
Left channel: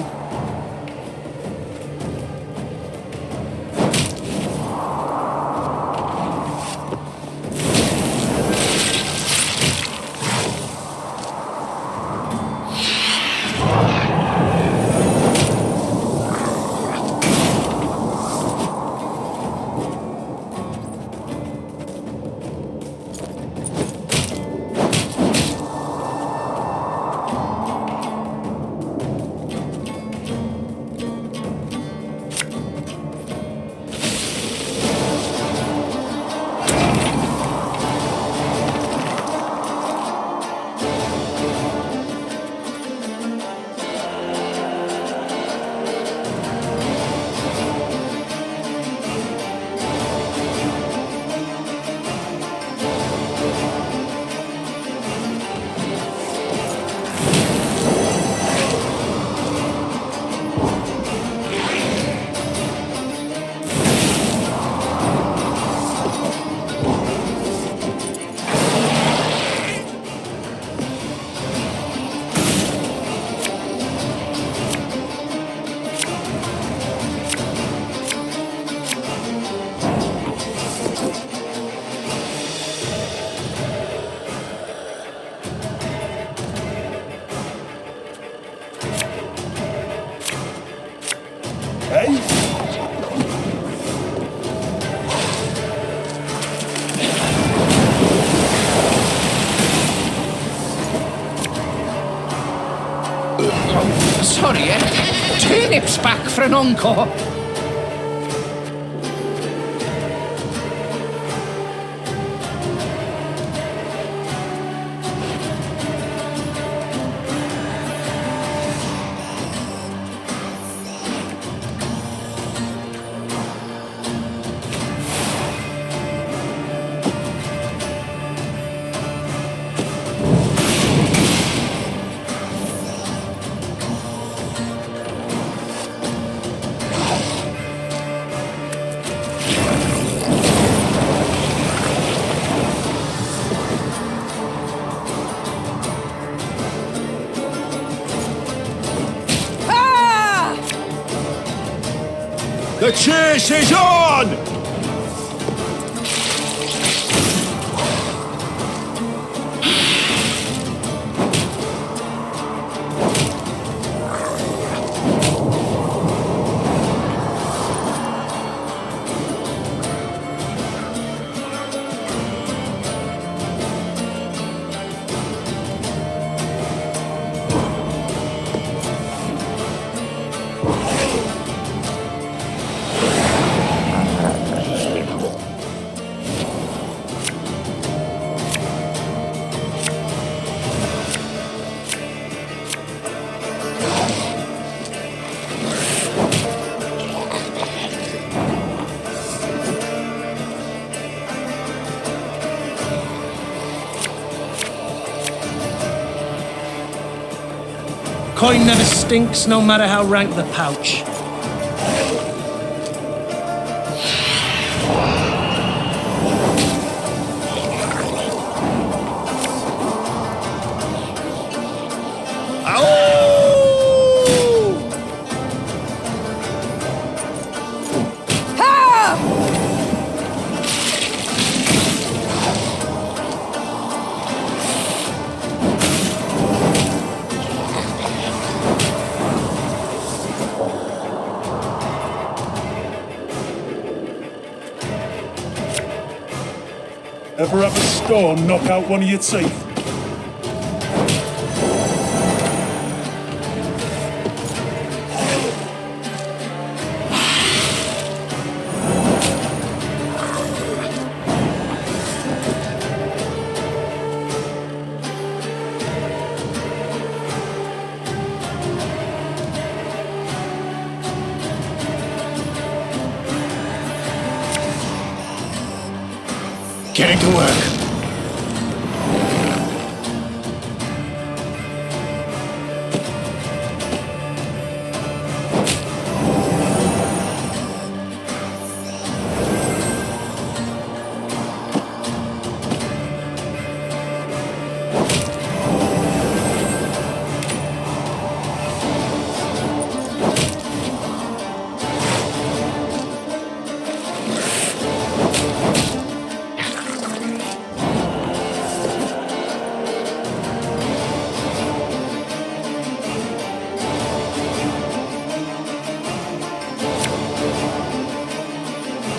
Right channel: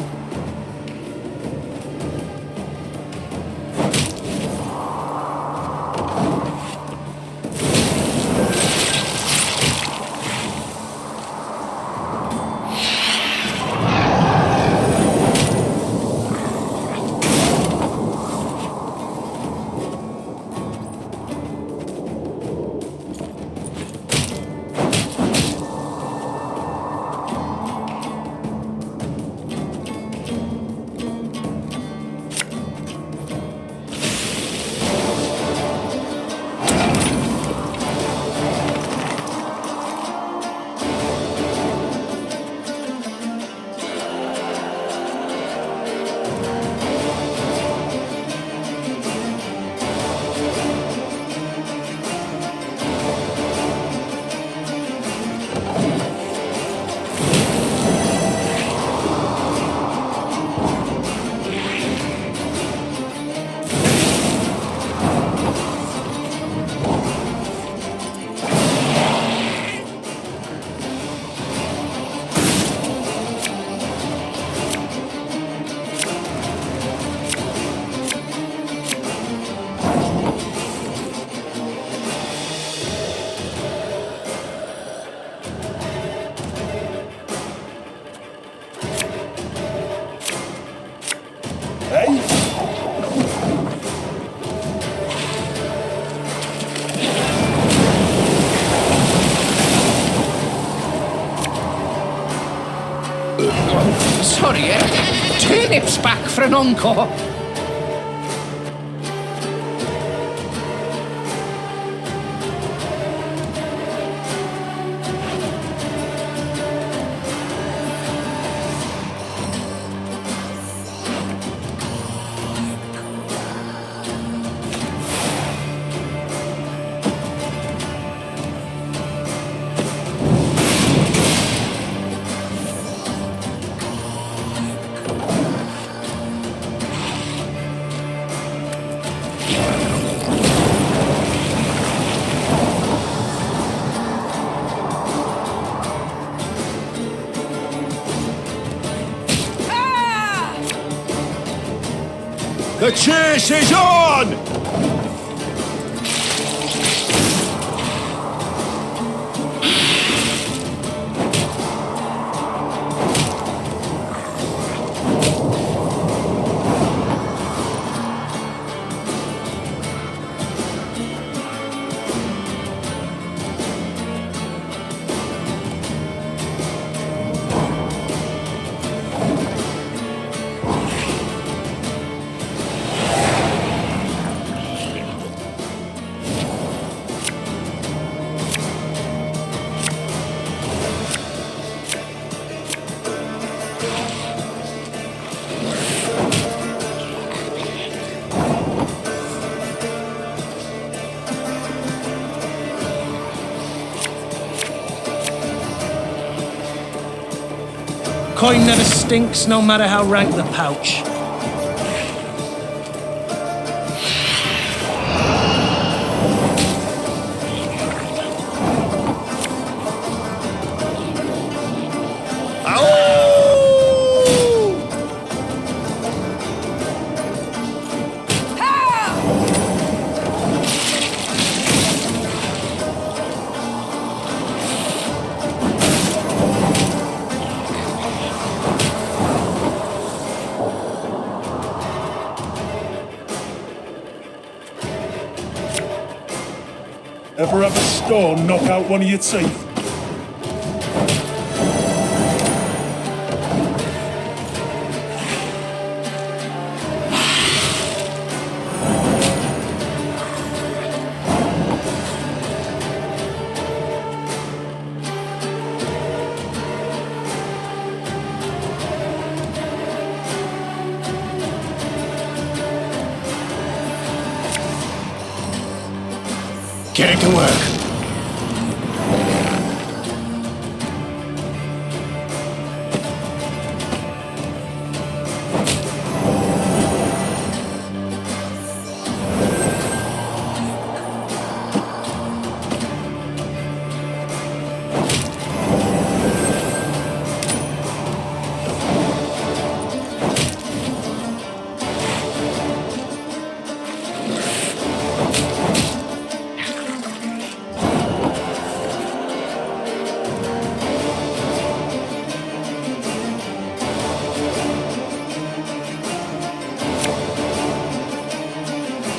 Oh, sorry, turnips back for an encore. The chase is on! Coin never stinks, no matter how rank the pouch. Ever have a stone knock out one of your teeth? Getting to work.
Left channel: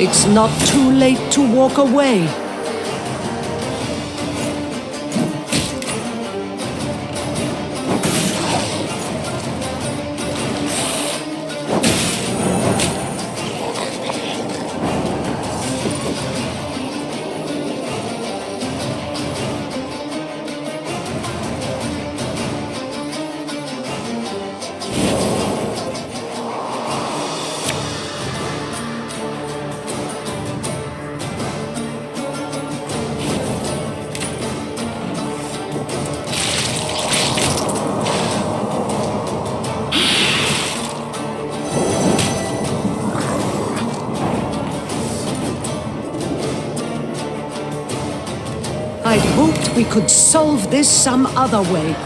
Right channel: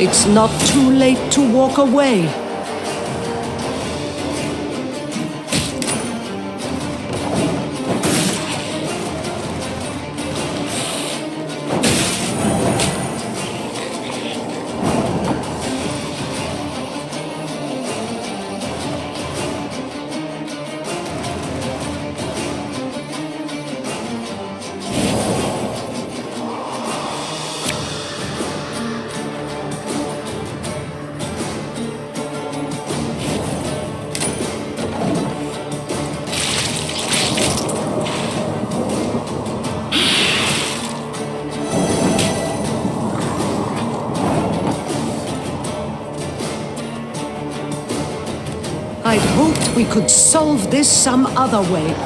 It's not too late to walk away. I'd hoped we could solve this some other way.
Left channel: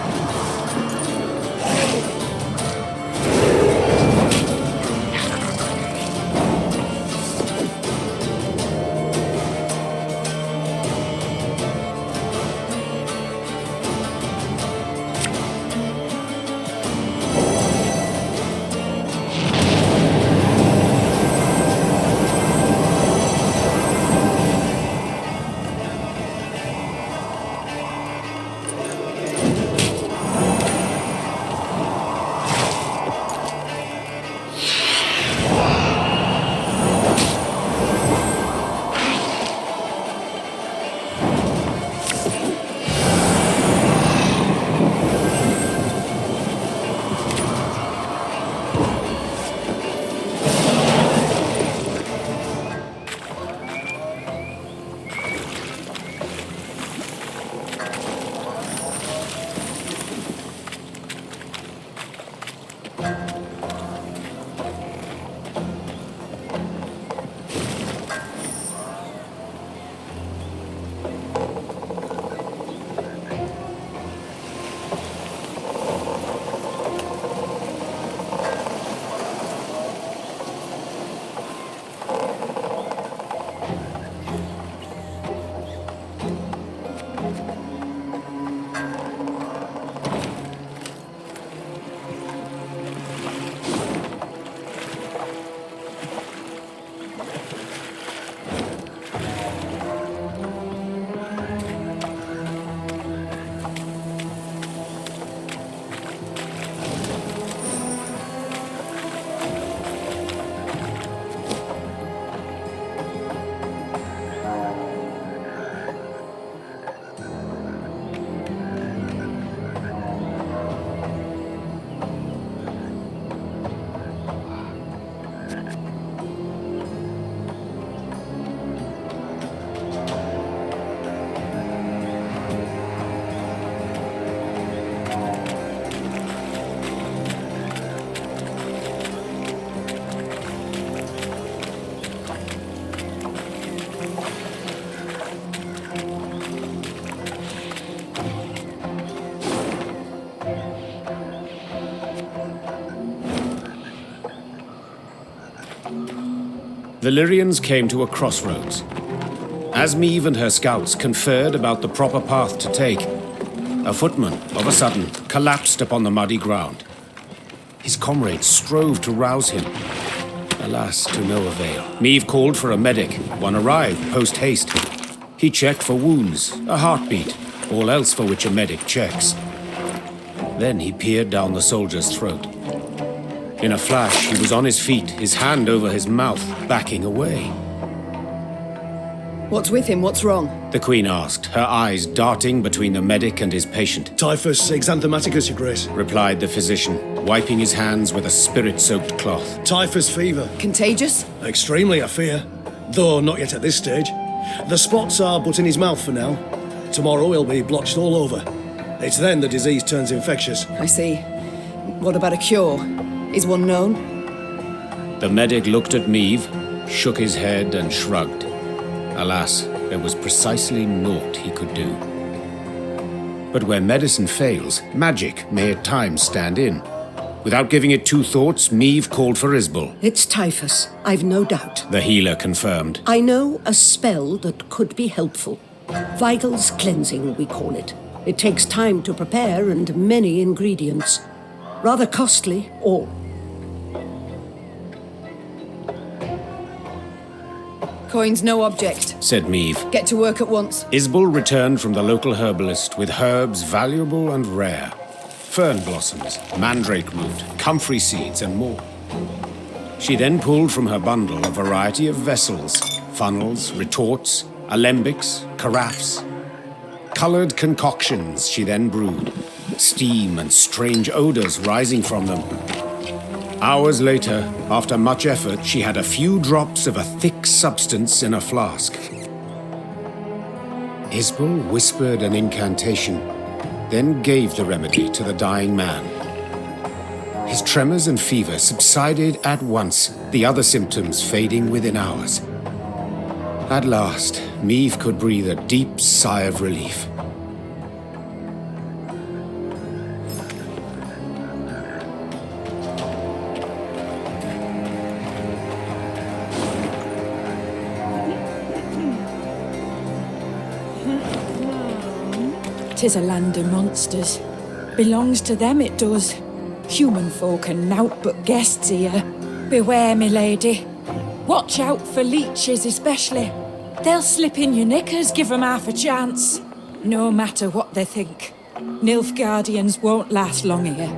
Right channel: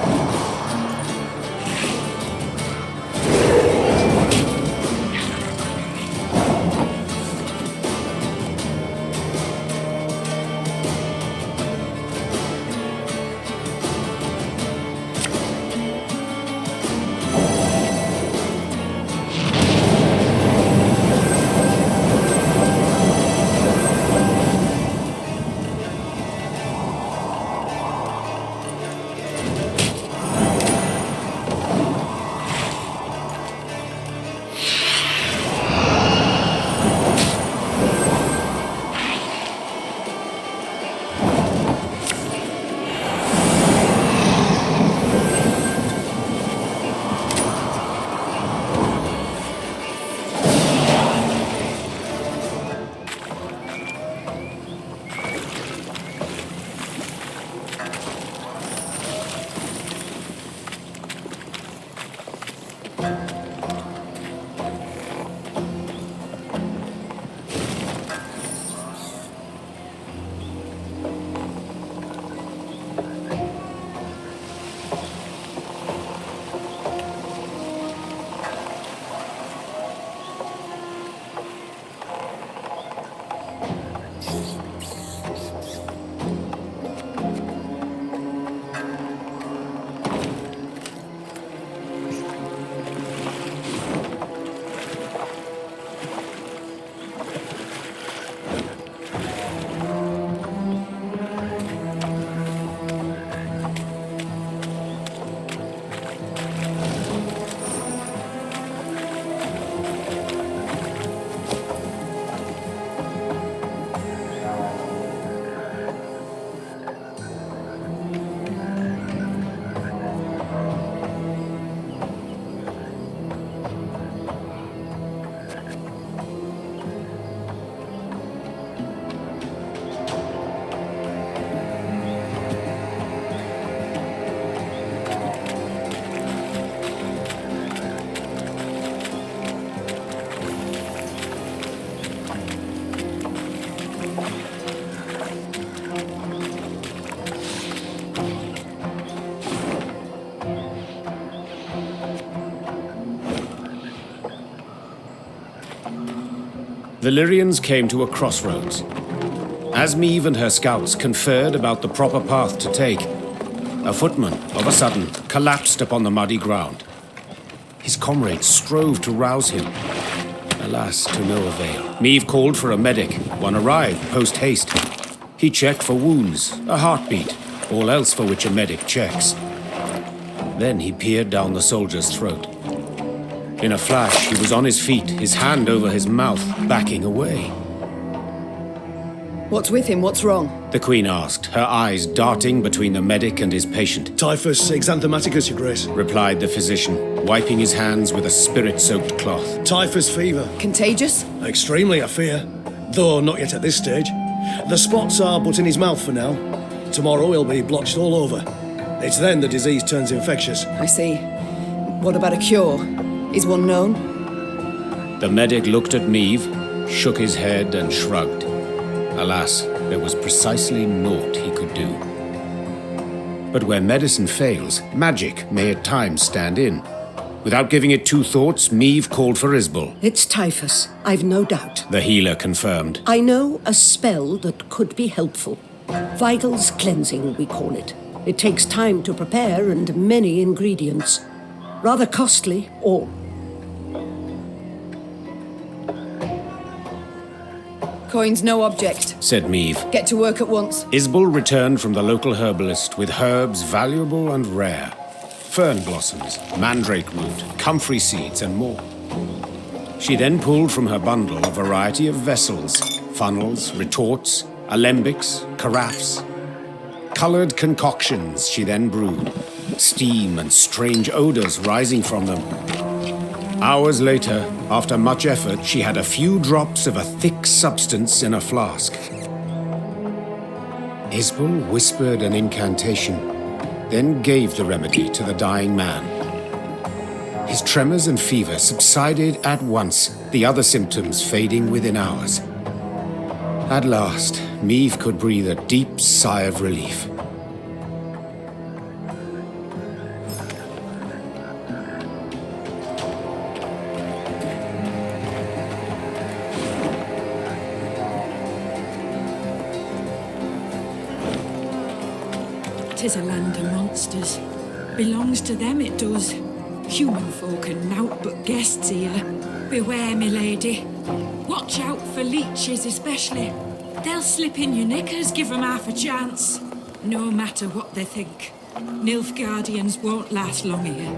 The Lyrians came to a crossroads. As Meve and her scouts conferred about the proper path to take, a footman, of a sudden, collapsed upon the muddy ground. His comrades strove to rouse him. Alas, to no avail. Meve called for a medic. One arrived, post-haste. He checked for wounds, a heartbeat, all else for which a medic checks. Then he peered down the soldier's throat. In a flash, he was on his feet, his hand over his mouth, backing away. What's with him? What's wrong? The Queen asked, her eyes darting between the medic and his patient. Typhus exanthematicus, Your Grace. Replied the physician, wiping his hands with a spirit-soaked cloth. Typhus fever. Contagious? Extremely, I fear. Though not yet at this stage. The spots are but in his mouth for now. Tomorrow he'll be blotched all over. It's then the disease turns infectious. I see. What about a cure? Is one known? The medic looked at Meve, shook his head and shrugged. Alas, there was precisely naught he could do. But where medicine fails, magic may at times stand in. Without giving it two thoughts, Meve called for Isbel. It's typhus, I've no doubt. The healer confirmed. I know a spell that could be helpful. Vitals cleansing, we call it. It takes time to prepare and many ingredients. Rather costly, all. Coin's no object, said Meve. Get to work at once. Isbel returned from the local herbalist with herbs valuable and rare. Fern blossoms, mandrake root, comfrey seeds, and more. She then pulled from her bundle a variety of vessels, funnels, retorts, alembics, carafes. Colored concoctions she then brewed, steam and strange odors rising from them. Hours later, after much effort, she had a few drops of a thick substance in a flask. Isbel whispered an incantation, then gave the remedy to the dying man. His tremors and fever subsided at once, the other symptoms fading within hours. At last, Meve could breathe a deep sigh of relief. "'Tis a land of monsters. Belongs to them, it does. Human folk are nowt but guests here. Beware, me lady. Watch out for leeches especially. They'll slip in your knickers, give 'em half a chance. No matter what they think. Nilfgaardians won't last long here.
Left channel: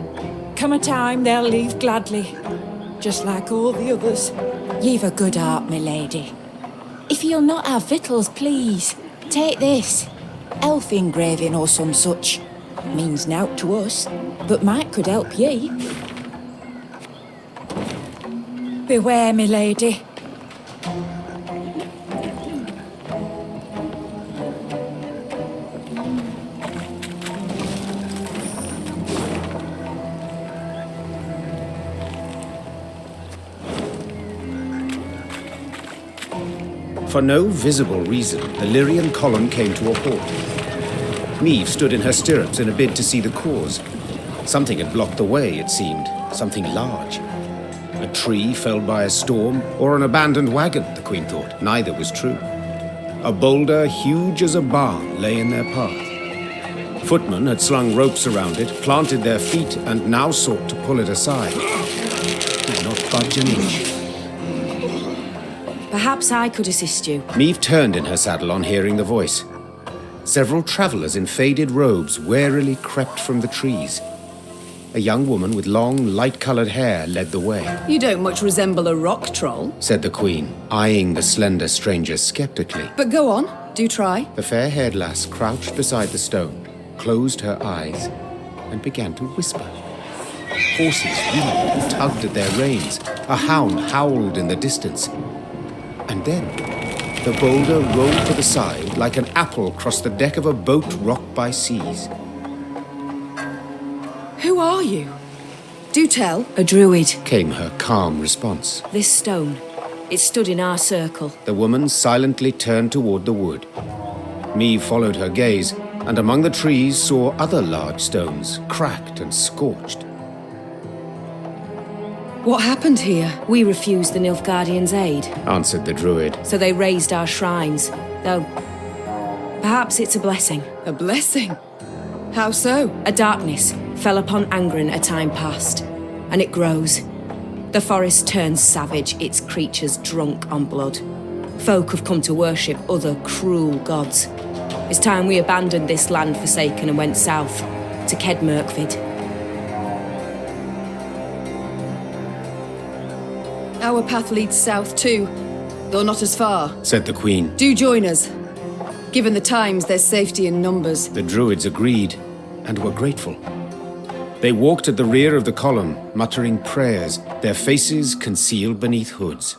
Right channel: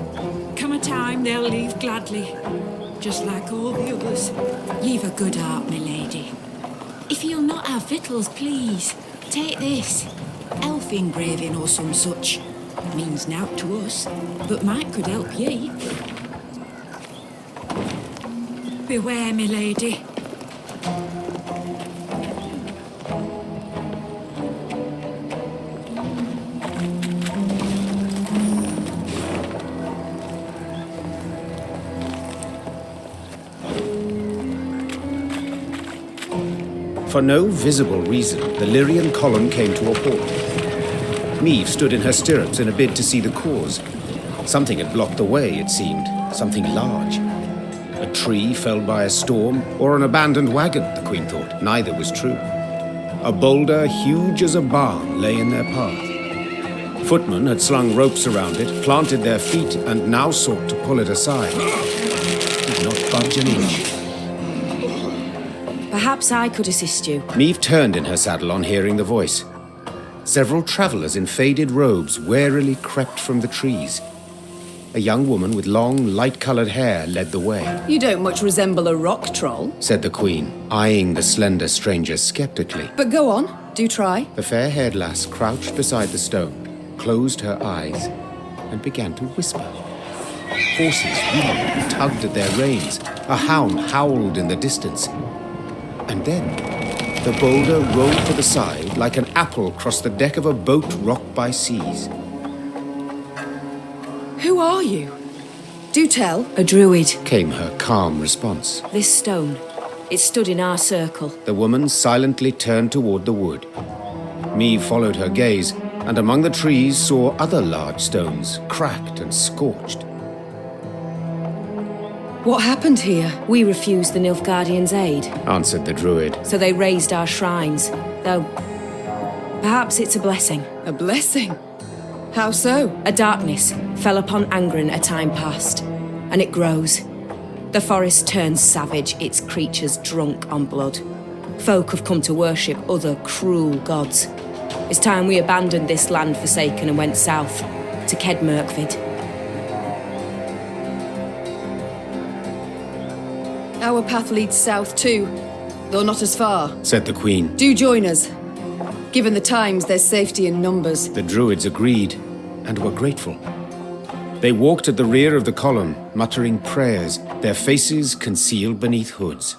Come a time, they'll leave gladly. Just like all the others. Ye've a good heart, me lady. If you'll not have victuals, please, take this. Elf engraving or some such. Means nowt to us, but might could help ye. Beware, me lady. For no visible reason, the Lyrian column came to a halt. Meve stood in her stirrups in a bid to see the cause. Something had blocked the way, it seemed. Something large. A tree felled by a storm, or an abandoned wagon, the Queen thought. Neither was true. A boulder huge as a barn lay in their path. Footmen had slung ropes around it, planted their feet, and now sought to pull it aside. It did not budge an inch. Perhaps I could assist you. Meve turned in her saddle on hearing the voice. Several travelers in faded robes warily crept from the trees. A young woman with long, light-colored hair led the way. You don't much resemble a rock troll, said the Queen, eyeing the slender stranger skeptically. but go on, do try. The fair-haired lass crouched beside the stone, closed her eyes, and began to whisper. Horses wheeled and tugged at their reins. A hound howled in the distance. And then, the boulder rolled to the side like an apple across the deck of a boat rocked by seas. Who are you? Do tell. A druid. Came her calm response. This stone. It stood in our circle. The woman silently turned toward the wood. Meve followed her gaze, and among the trees saw other large stones, cracked and scorched. What happened here? We refused the Nilfgaardians' aid, answered the druid. so they razed our shrines. Though, perhaps it's a blessing. A blessing? How so? A darkness fell upon Angren a time past, and it grows. The forest turns savage, its creatures drunk on blood. Folk have come to worship other cruel gods. It's time we abandoned this land forsaken and went south, to Kedmerkvid. Our path leads south too, though not as far. Said the queen. Do join us. Given the times, there's safety in numbers. The druids agreed, and were grateful. They walked at the rear of the column, muttering prayers, their faces concealed beneath hoods.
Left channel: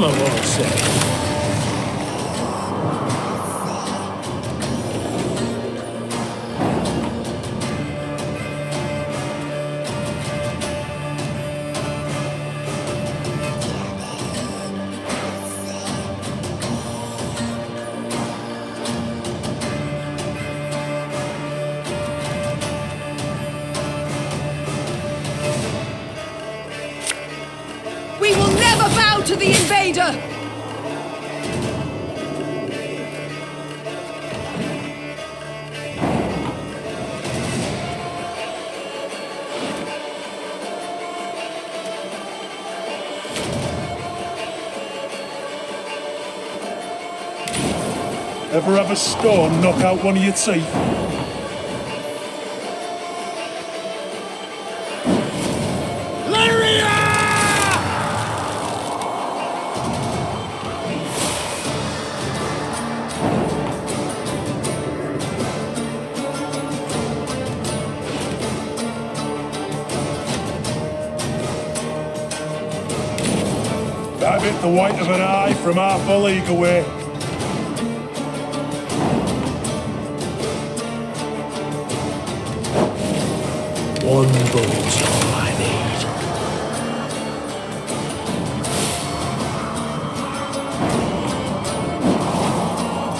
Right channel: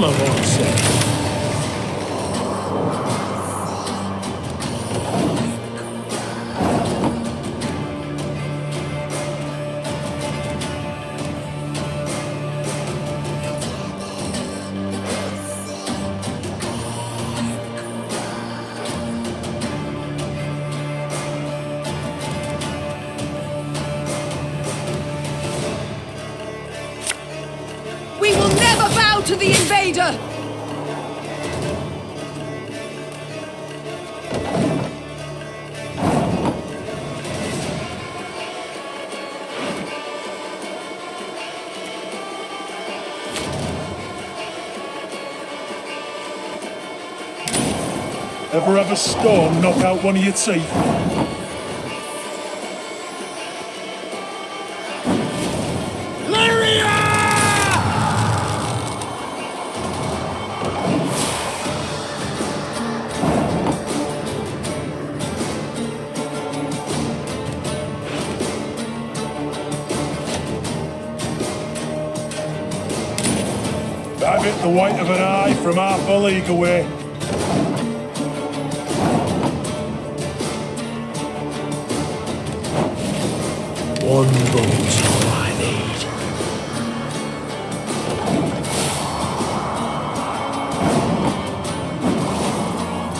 I'm a won't say. Never bow to the invader! Ever have a stone knock out one of your teeth? That bit the white of an eye from half a league away. One bolt's all I need.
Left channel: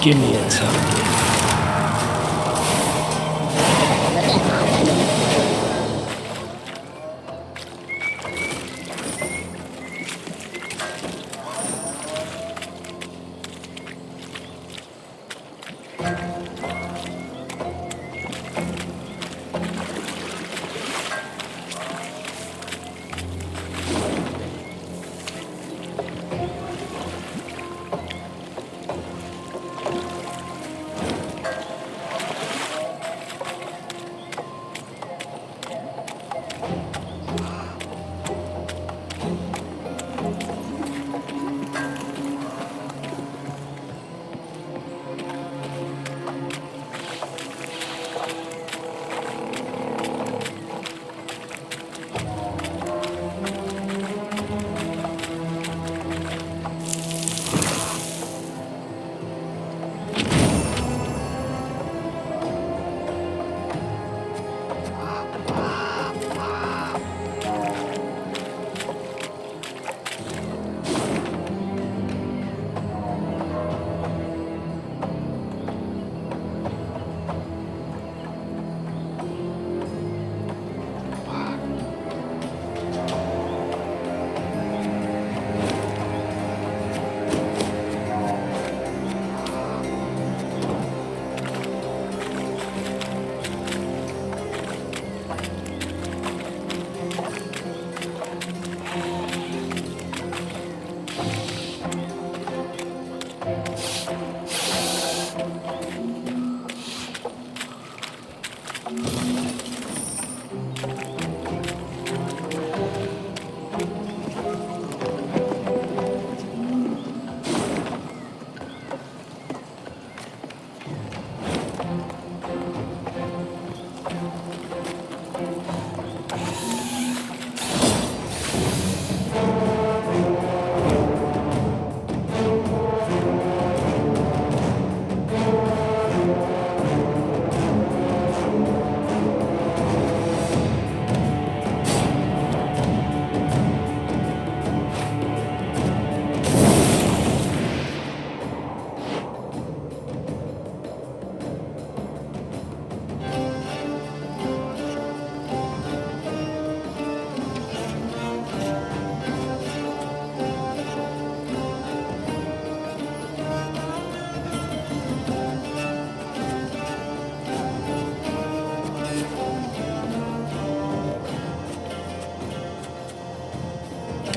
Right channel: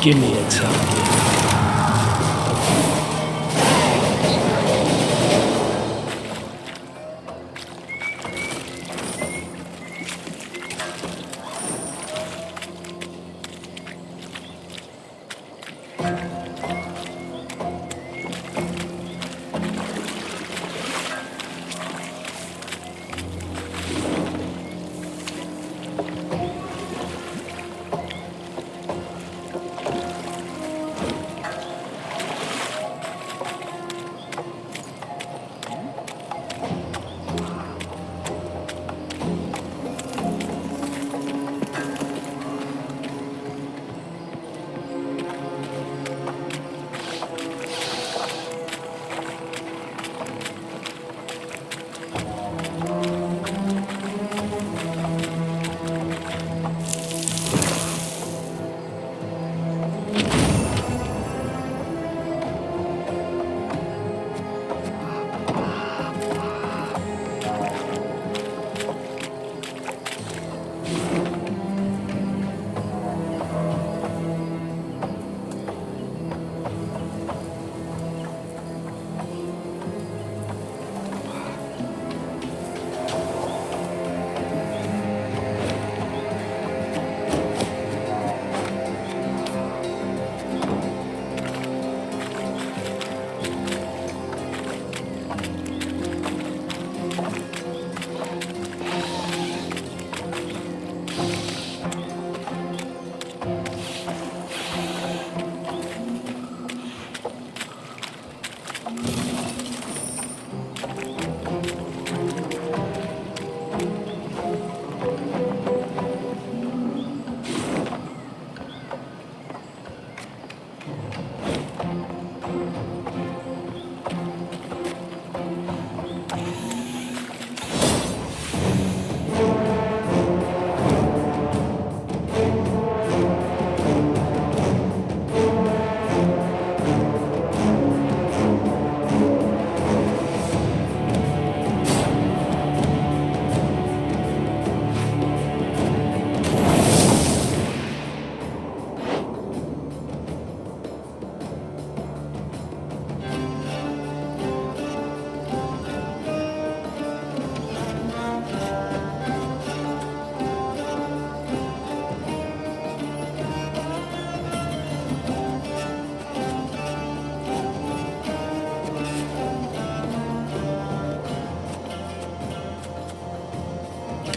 Give me a target.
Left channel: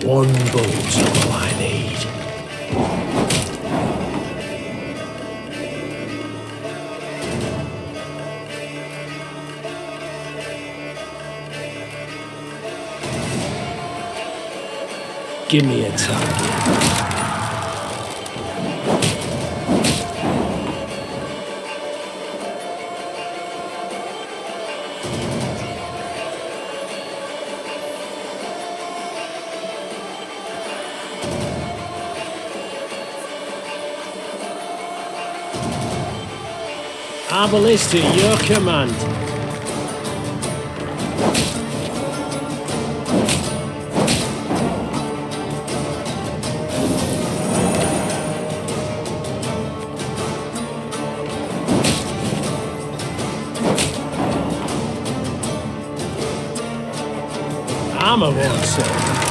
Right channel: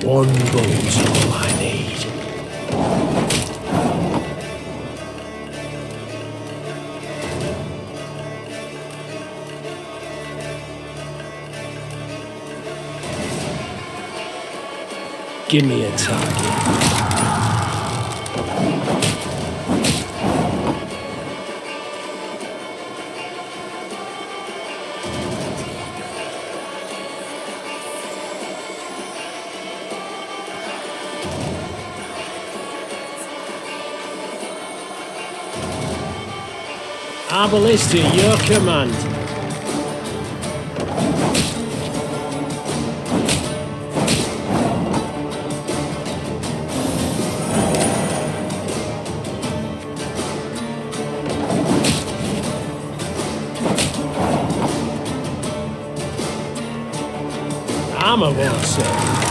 One bolt's all I need. Give me a target. Our ballista, your command. Armor won't serve.